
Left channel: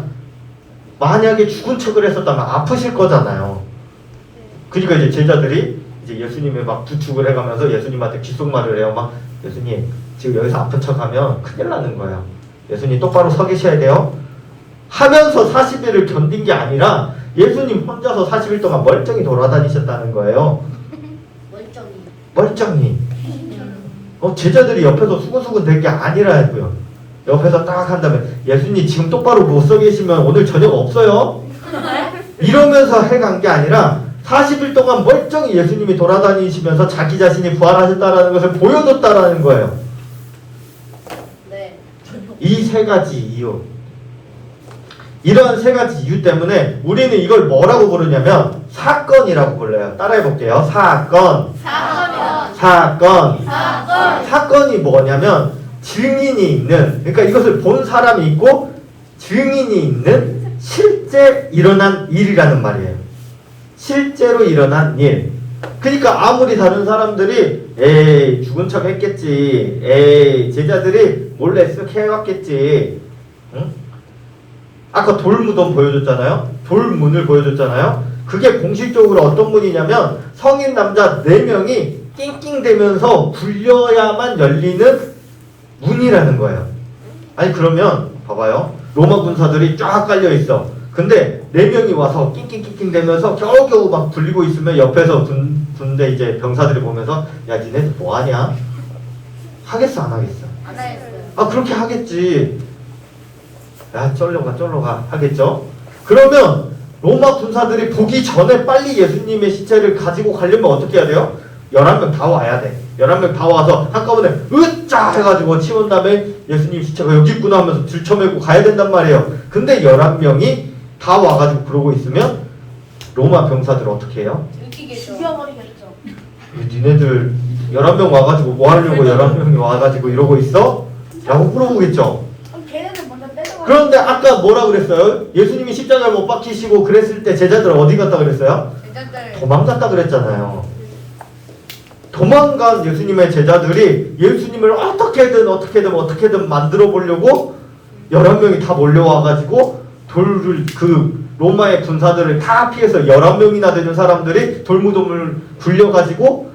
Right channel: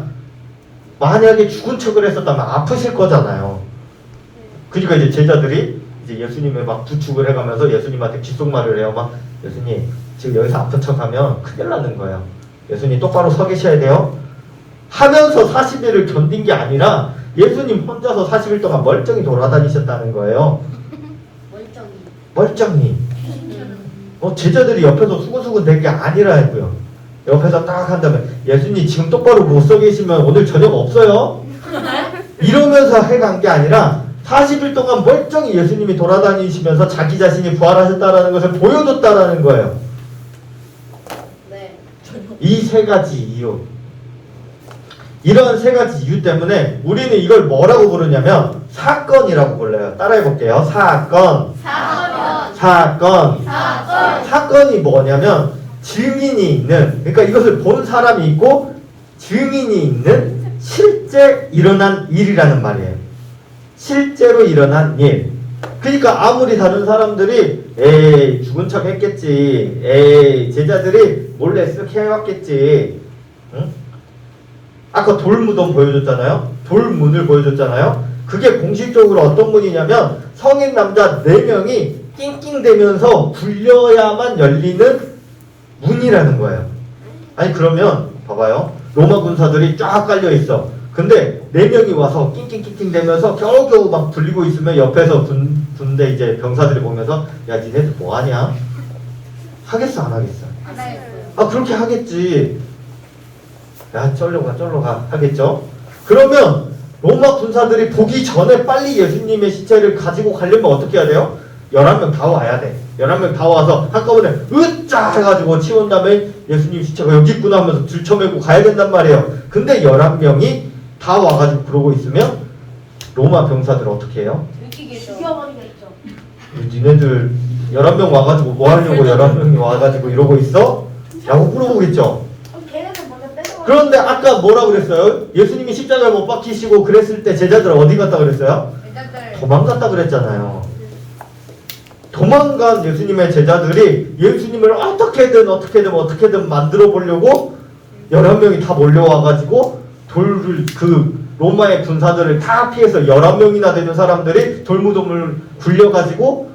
만약에 죽은 척을 했었다면 아프실 거잖아요. 그러니까 이제 제자들이 이제 예수님을 막 부축을 해가면서 예수님한테 귓속말을 해요. 막 예수님 지금 여기서 아픈 척하면 큰일 나는 거예요. 예수님 똑바로 서 계셔야 돼요. 하면서 40일을 견딘 게 아니라 예수님 혼자서 40일 동안 멀쩡히 돌아다니셨다는 거예요. 멀쩡히. 제자들이 옆에서 수근수근 된 게 아니라고요. 옆에서 딱 한다면 예수님 지금 똑바로 못 서 계시면 오늘 저녁 없어요? 이러면서 해간 게 아니라 40일 동안 멀쩡히 예수님이 돌아다니시면서 자기 자신이 부활하셨다는 것을 보여줬다라는 거예요. 네. 이 세 가지 이유. 이런 세 가지 이유 때문에 우리는 이걸 뭐라고 부르냐면 사건이라고 불러요. 따라해 볼게요. 사건이 뭐냐면 증인이 있는, 그러니까 이것을 본 사람이 있고 증인이 있는 실제 일어난 일이라는 말이에요. 실제로 일어난 일. 그러니까 아무리 다른 사람들이 에이 죽은 척 했겠지, 에이 제자들이 몰래 쓱 해왔겠지, 응? 아까 돌무덤 보여줬잖아요. 돌문을 보여줬잖아요. 그게 공식적으로 어떤 문이냐면 성인 남자 4명이 낑낑대면서 굴려야만 열리는 문이라는 거예요. 아니 그러면 봐봐요. 로마 군사들이 쫙 깔려 있어. 근데 4명이 와서 낑낑낑낑대면서 겨우겨우 막 굴리고 있으면 옆에서 군대 이제 병사들이 보면서 야 니네들 뭐하냐? 하겠어 안 하겠어? 아 그렇게 하겠지. 야 쫄러가 하겠죠? 그러면 로마 군사들이 보기 전에 빨리 예수님의 시체를 가지고 가려면 어떻게 해야 돼요? 11명 다 와야 돼. 11명 다 와서 한꺼번에 으짜 해가지고 치운 다음에 예수님 시체가 여기 있구나 하면서 들쳐매고 가야 된단 말이에요. 근데 11명이 다 와가지고 그러고 있으면 로마 병사들 어떻게 해요? 죽여버리겠죠. 니네들 11명 와가지고 뭐 하려고 11명이 와가지고 이러고 있어? 라고 물어보겠죠. 그럼 걔네는 먼저 떼어가. 그런데 아까 뭐라 그랬어요? 예수님이 십자가를 못 박히시고 그랬을 때 제자들 어디 갔다 그랬어요? 도망갔다 그랬잖아요. 도망간 예수님의 제자들이 예수님을 어떻게든 만들어 보려고 11명이 다 몰려와가지고 로마의 군사들을 다 피해서 11명이나 되는 사람들이 돌문을 굴려가지고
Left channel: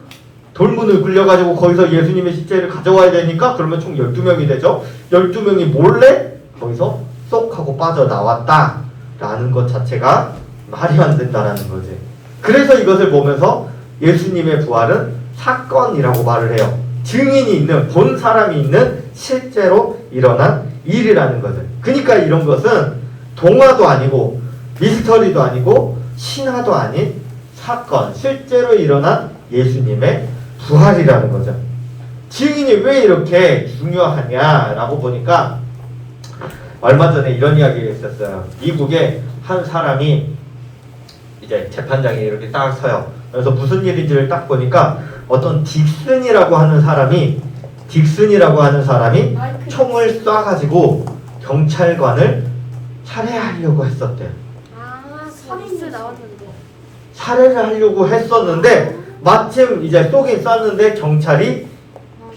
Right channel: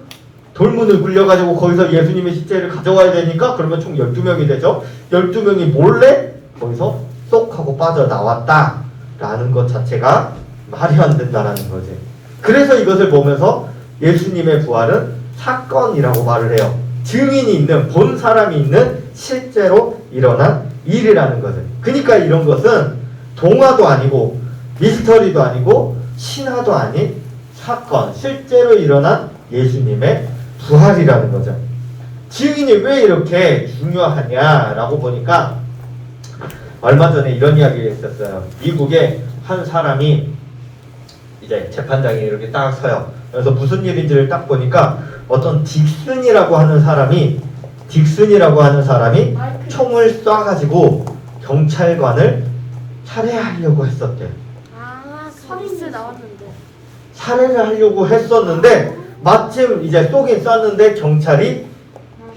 거기서 예수님의 시체를 가져와야 되니까 그러면 총 12명이 되죠. 12명이 몰래 거기서 쏙 하고 빠져나왔다 라는 것 자체가 말이 안 된다라는 거지. 그래서 이것을 보면서 예수님의 부활은 사건이라고 말을 해요. 증인이 있는, 본 사람이 있는 실제로 일어난 일이라는 거죠. 그러니까 이런 것은 동화도 아니고 미스터리도 아니고 신화도 아닌 사건, 실제로 일어난 예수님의 부활이라는 거죠. 증인이 왜 이렇게 중요하냐라고 보니까 얼마 전에 이런 이야기가 있었어요. 미국에 한 사람이 이제 재판장에 이렇게 딱 서요. 그래서 무슨 일인지를 딱 보니까 어떤 딕슨이라고 하는 사람이 총을 쏴가지고 경찰관을 살해하려고 했었대요. 살인수 나왔는데. 살해를 하려고 했었는데 마침 이제 쏘긴 쐈는데 경찰이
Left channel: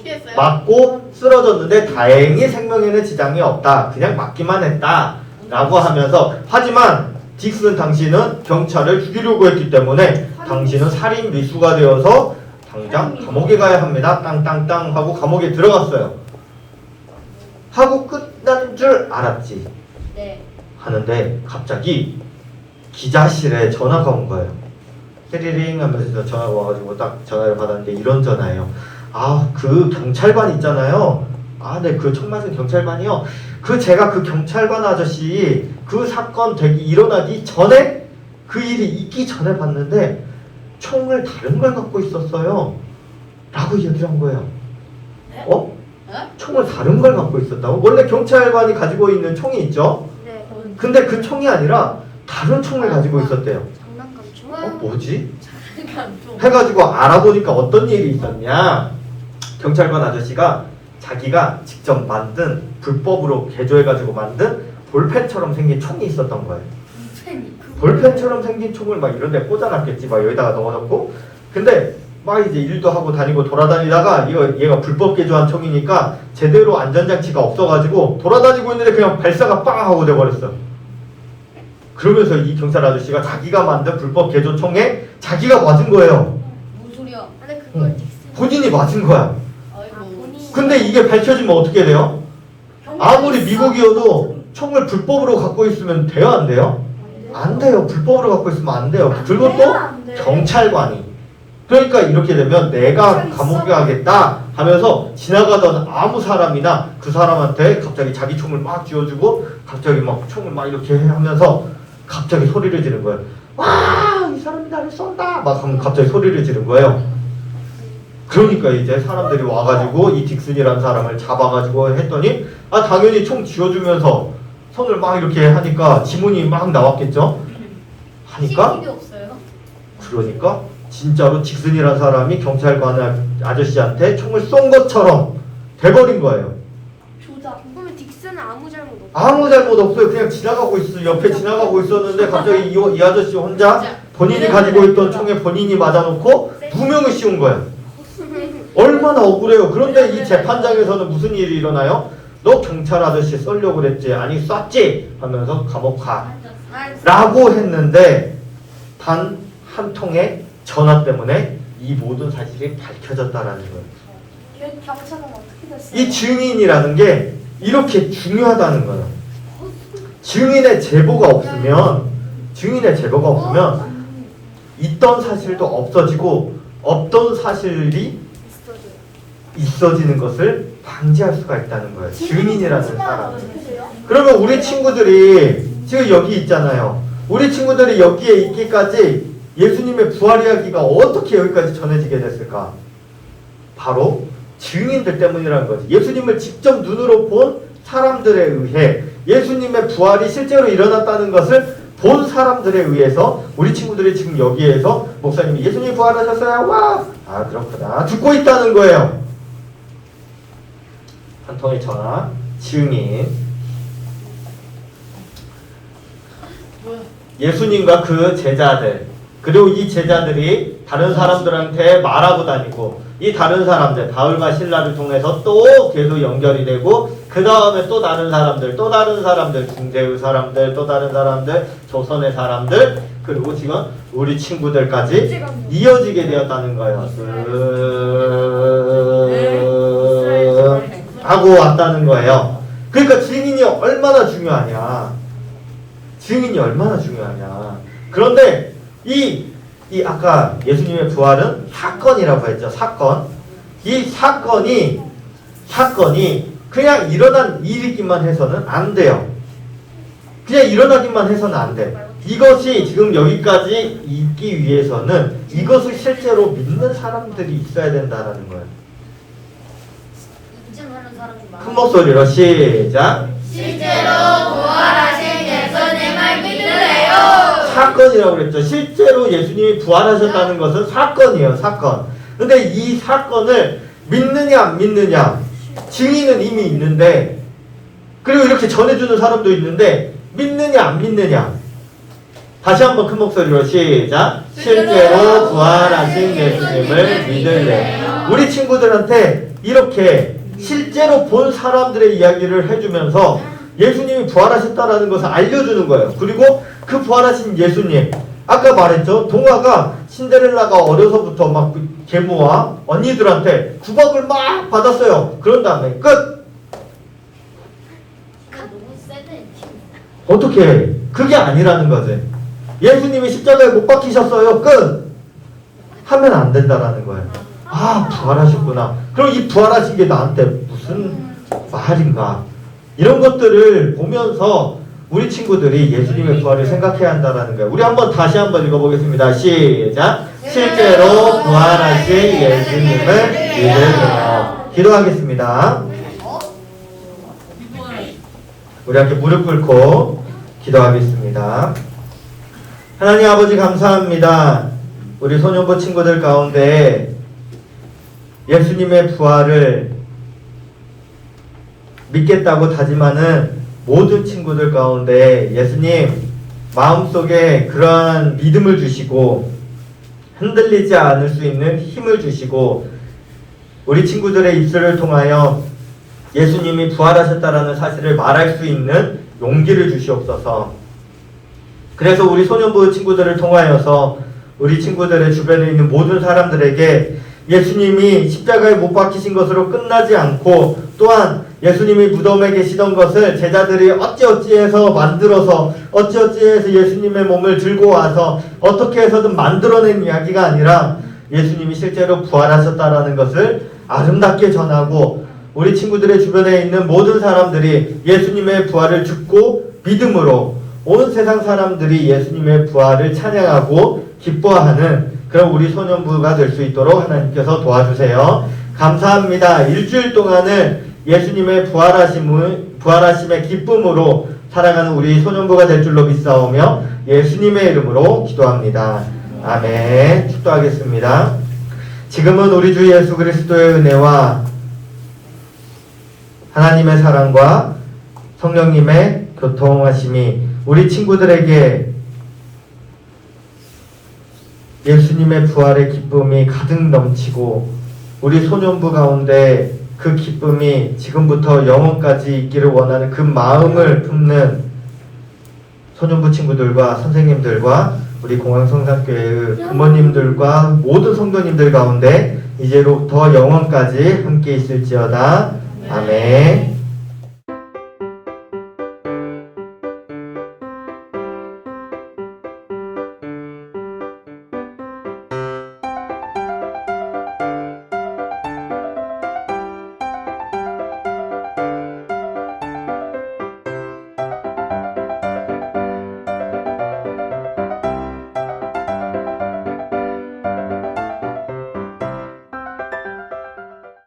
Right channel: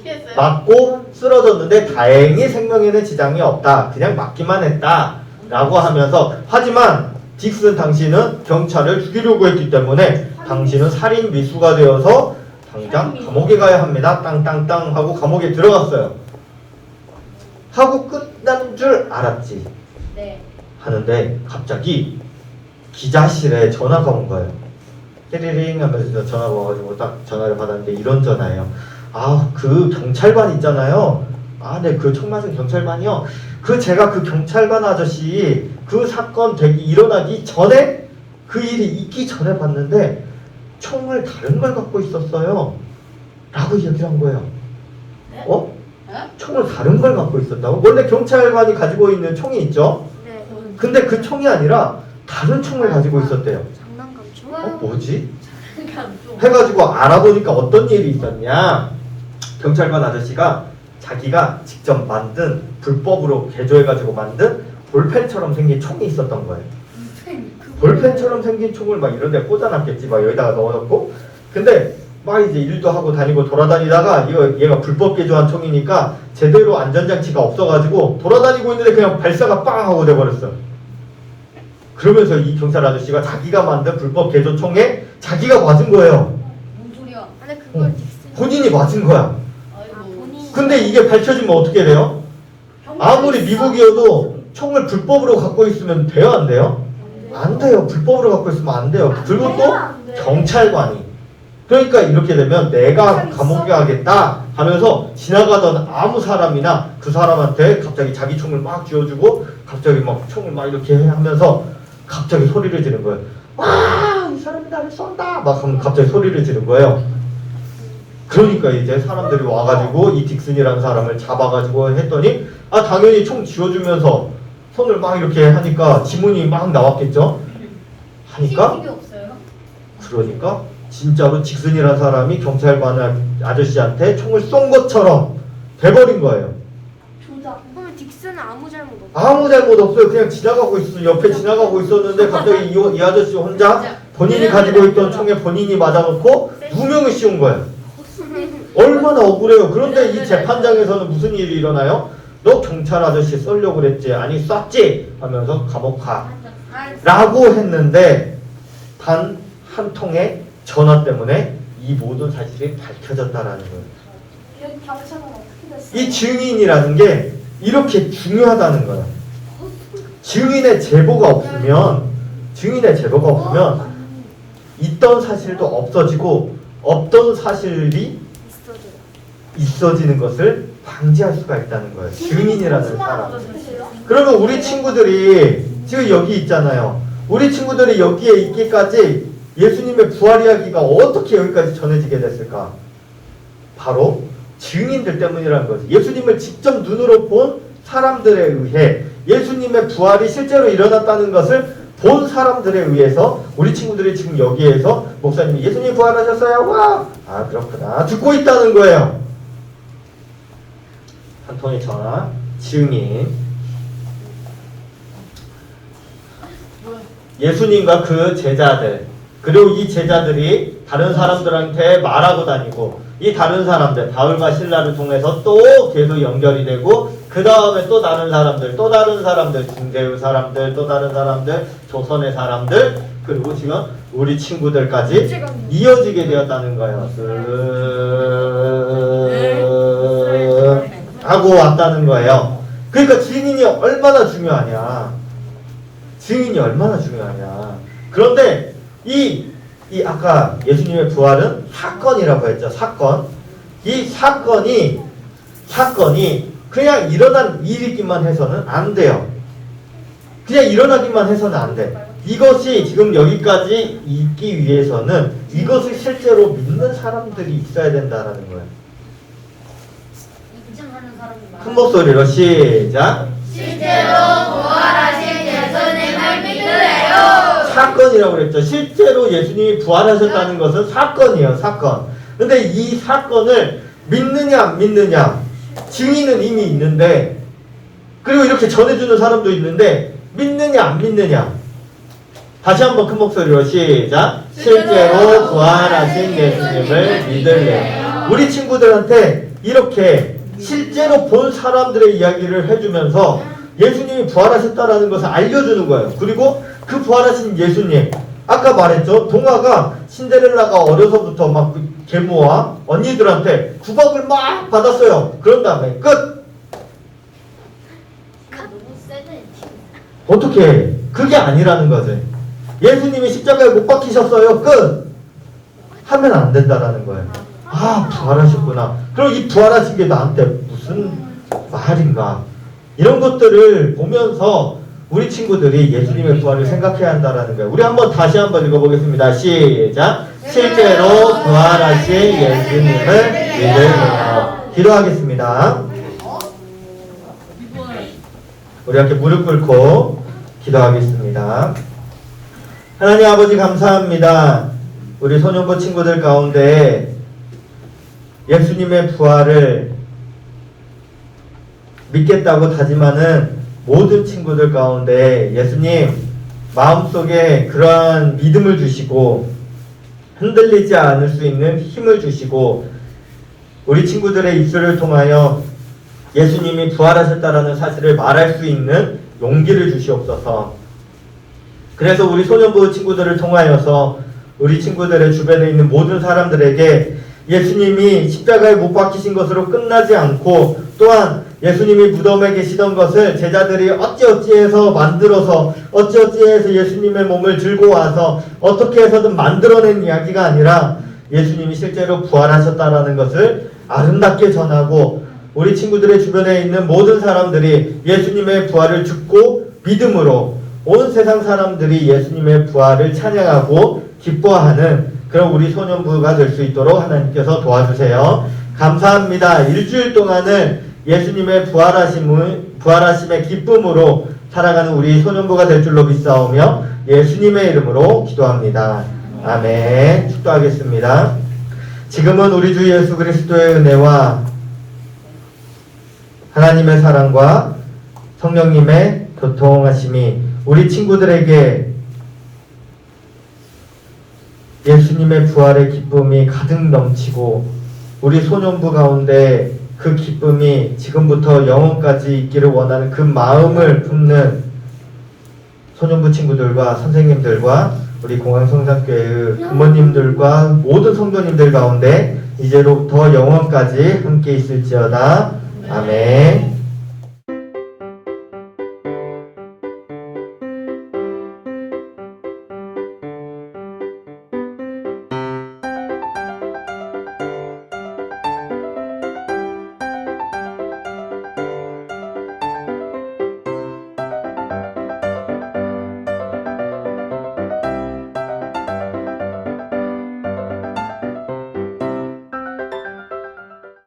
피했어요. 맞고 쓰러졌는데 다행히 생명에는 지장이 없다. 그냥 맞기만 했다. 라고 하면서 하지만 딕슨 당신은 경찰을 죽이려고 했기 때문에 당신은 살인 미수가 되어서 당장 감옥에 가야 합니다. 땅땅땅 하고 감옥에 들어갔어요. 하고 끝난 줄 알았지. 네. 하는데 갑자기 기자실에 전화가 온 거예요. 띠리링 하면서 전화가 와가지고 딱 전화를 받았는데 이런 전화예요. 아, 그 경찰관 있잖아요. 아, 네, 그 총 맞은 경찰관이요. 제가 그 경찰관 아저씨 그 사건 일어나기 전에 그 일이 있기 전에 봤는데 총을 다른 걸 갖고 있었어요. 라고 얘기를 한 거예요. 총을 다른 걸 갖고 있었다고? 원래 경찰관이 가지고 있는 총이 있죠? 네. 근데 그 총이 아니라 다른 총을 가지고 있었대요. 장난감총? 뭐지? 해가지고 알아보니까 어떤 일이 있었냐. 경찰관 아저씨가 자기가 직접 만든 불법으로 개조해가지고 만든 볼펜처럼 생긴 총이 있었던 거예요. 볼펜처럼 생긴 총을 막 이런 데 꽂아놨겠지. 막 여기다가 넣어놓고. 근데 막 이제 일도 하고 다니고 돌아다니다가 얘가 불법 개조한 총이니까 제대로 안전장치가 없어가지고 돌아다니고 있는데 그냥 발사가 빵 하고 돼버렸어. 그러면서 이 경찰 아저씨가 자기가 만든 불법 개조 총에 자기가 맞은 거예요. 무슨 소리야? 아니 그걸 본인이 맞은 거야. 아이고. 근데 이게 밝혀지면 어떻게 돼요? 아무리 미국이어도 총을 불법으로 갖고 있으면 돼요, 안 돼요? 안 돼요. 불법으로 갖고 있으면 안 돼요. 그리고 또 경찰관이. 그러니까 이렇게 되면 내가 감옥에 가겠다 하면서 지나가던 아무 사람이나 그 사람한테 갑자기 자기 총을 막 쥐어주고 갑자기 막 총을 막 이렇게 하면서 갑자기 소리를 지르는 거예요. 와, 이 사람이 나를 쏜다! 막 하면 갑자기 소리를 지르는 거예요. 그러니까 이제 사람들이 와가지고 이 딕슨이라는 사람을 잡아가지고 했더니 당연히 총 쥐어주면서 손을 막 이렇게 하니까 지문이 막 나왔겠죠? 하니까 CCTV 없어요? 그러니까 진짜로 딕슨이라는 사람이 경찰관 아저씨한테 총을 쏜 것처럼 돼버린 거예요. 그럼 딕스는 아무 잘못 없어. 아무 잘못 없어요. 그냥 지나가고 있어. 옆에 지나가고 있었는데 갑자기 이 아저씨 혼자 본인이 가지고 있던 총에 본인이 맞아놓고 누명을 씌운 거예요. 얼마나 억울해요. 그런데 이 재판장에서는 무슨 일이 일어나요? 너 경찰 아저씨 쏠려고 그랬지? 아니 쐈지? 하면서 감옥 가 라고 했는데 단 한 통의 전화 때문에 이 모든 사실이 밝혀졌다라는 거예요. 경찰은 어떻게 됐어요? 이 증인이라는 게 이렇게 중요하다는 거예요. 증인의 제보가 없으면 있던 사실도 없어지고 없던 사실이 있어지는 것을 방지할 수가 있다는 거예요. 증인이라는 사람. 그러면 우리 친구들이 지금 여기 있잖아요. 우리 친구들이 여기에 있기까지 예수님의 부활 이야기가 어떻게 여기까지 전해지게 됐을까? 바로 증인들 때문이라는 거죠. 예수님을 직접 눈으로 본 사람들에 의해 예수님의 부활이 실제로 일어났다는 것을 본 사람들에 의해서 우리 친구들이 지금 여기에서 목사님이 예수님 부활하셨어요. 와! 아 그렇구나. 듣고 있다는 거예요. 한 통의 전화, 증인. 예수님과 그 제자들 그리고 이 제자들이 다른 사람들한테 말하고 다니고 이 다른 사람들 바울과 실라를 통해서 또 계속 연결이 되고 그 다음에 또 다른 사람들 중재의 사람들 또 다른 사람들 조선의 사람들 그리고 지금 우리 친구들까지 이어지게 되었다는 거예요. 하고 왔다는 거예요. 그러니까 증인이 얼마나 중요하냐. 그런데 이 아까 예수님의 부활은 사건이라고 했죠. 사건. 이 사건이 그냥 일어난 일이기만 해서는 안 돼요. 그냥 일어나기만 해서는 안 돼. 이것이 지금 여기까지 있기 위해서는 이것을 실제로 믿는 사람들이 있어야 된다는 거예요. 인증하는 사람이 많아. 큰 목소리로 시작. 실제로 부활하신 예수님을 믿으래요. 사건이라고 그랬죠. 실제로 예수님이 부활하셨다는 것은 사건이에요. 사건. 근데 이 사건을 믿느냐 안 믿느냐 증인은 이미 있는데 그리고 이렇게 전해주는 사람도 있는데 믿느냐 안 믿느냐 다시 한번 큰 목소리로 시작. 실제로 부활하신 예수님을 믿을래요. 우리 친구들한테 이렇게 실제로 본 사람들의 이야기를 해주면서 예수님이 부활하셨다는 것을 알려주는 거예요. 그리고 그 부활하신 예수님 아까 말했죠. 동화가 신데렐라가 어려서부터 막 계모와 언니들한테 구박을 막 받았어요. 그런 다음에 끝. 너무 세네. 어떻게 해? 그게 아니라는 거지. 예수님이 십자가에 못 박히셨어요. 끝. 하면 안 된다라는 거예요. 아 부활하셨구나. 그럼 이 부활하신 게 나한테 무슨 말인가. 이런 것들을 보면서 우리 친구들이 예수님의 부활을 생각해야 한다는 거예요. 우리 다시 한번 읽어보겠습니다. 시작. 실제로 부활하신 예수님을 믿으래요. 기도하겠습니다. 우리 함께 무릎 꿇고 기도하겠습니다. 하나님 아버지 감사합니다. 우리 소년부 친구들 가운데 예수님의 부활을 믿겠다고 다짐하는 모든 친구들 가운데 예수님 마음속에 그러한 믿음을 주시고 흔들리지 않을 수 있는 힘을 주시고 우리 친구들의 입술을 통하여 예수님이 부활하셨다라는 사실을 말할 수 있는 용기를 주시옵소서. 그래서 우리 소년부 친구들을 통하여서 우리 친구들의 주변에 있는 모든 사람들에게 예수님이 십자가에 못 박히신 것으로 끝나지 않고 또한 예수님이 무덤에 계시던 것을 제자들이 어찌어찌해서 만들어서 어찌어찌해서 예수님의 몸을 들고 와서 어떻게 해서든 만들어낸 이야기가 아니라 예수님이 실제로 부활하셨다라는 것을 아름답게 전하고 우리 친구들의 주변에 있는 모든 사람들이 예수님의 부활을 듣고 믿음으로 온 세상 사람들이 예수님의 부활을 찬양하고 기뻐하는 그런 우리 소년부가 될 수 있도록 하나님께서 도와주세요. 감사합니다. 일주일 동안은 예수님의 부활하심의 기쁨으로 살아가는 우리 소년부가 될 줄로 믿사오며 예수님의 이름으로 기도합니다. 아멘. 축도하겠습니다. 지금은 우리 주 예수 그리스도의 은혜와 하나님의 사랑과 성령님의 교통하심이 우리 친구들에게 예수님의 부활의 기쁨이 가득 넘치고 우리 소년부 가운데 그 기쁨이 지금부터 영원까지 있기를 원하는 그 마음을 품는 소년부 친구들과 선생님들과 우리 공항성산교회의 부모님들과 모든 성도님들 가운데 이제로부터 영원까지 함께 있을지어다. 아멘.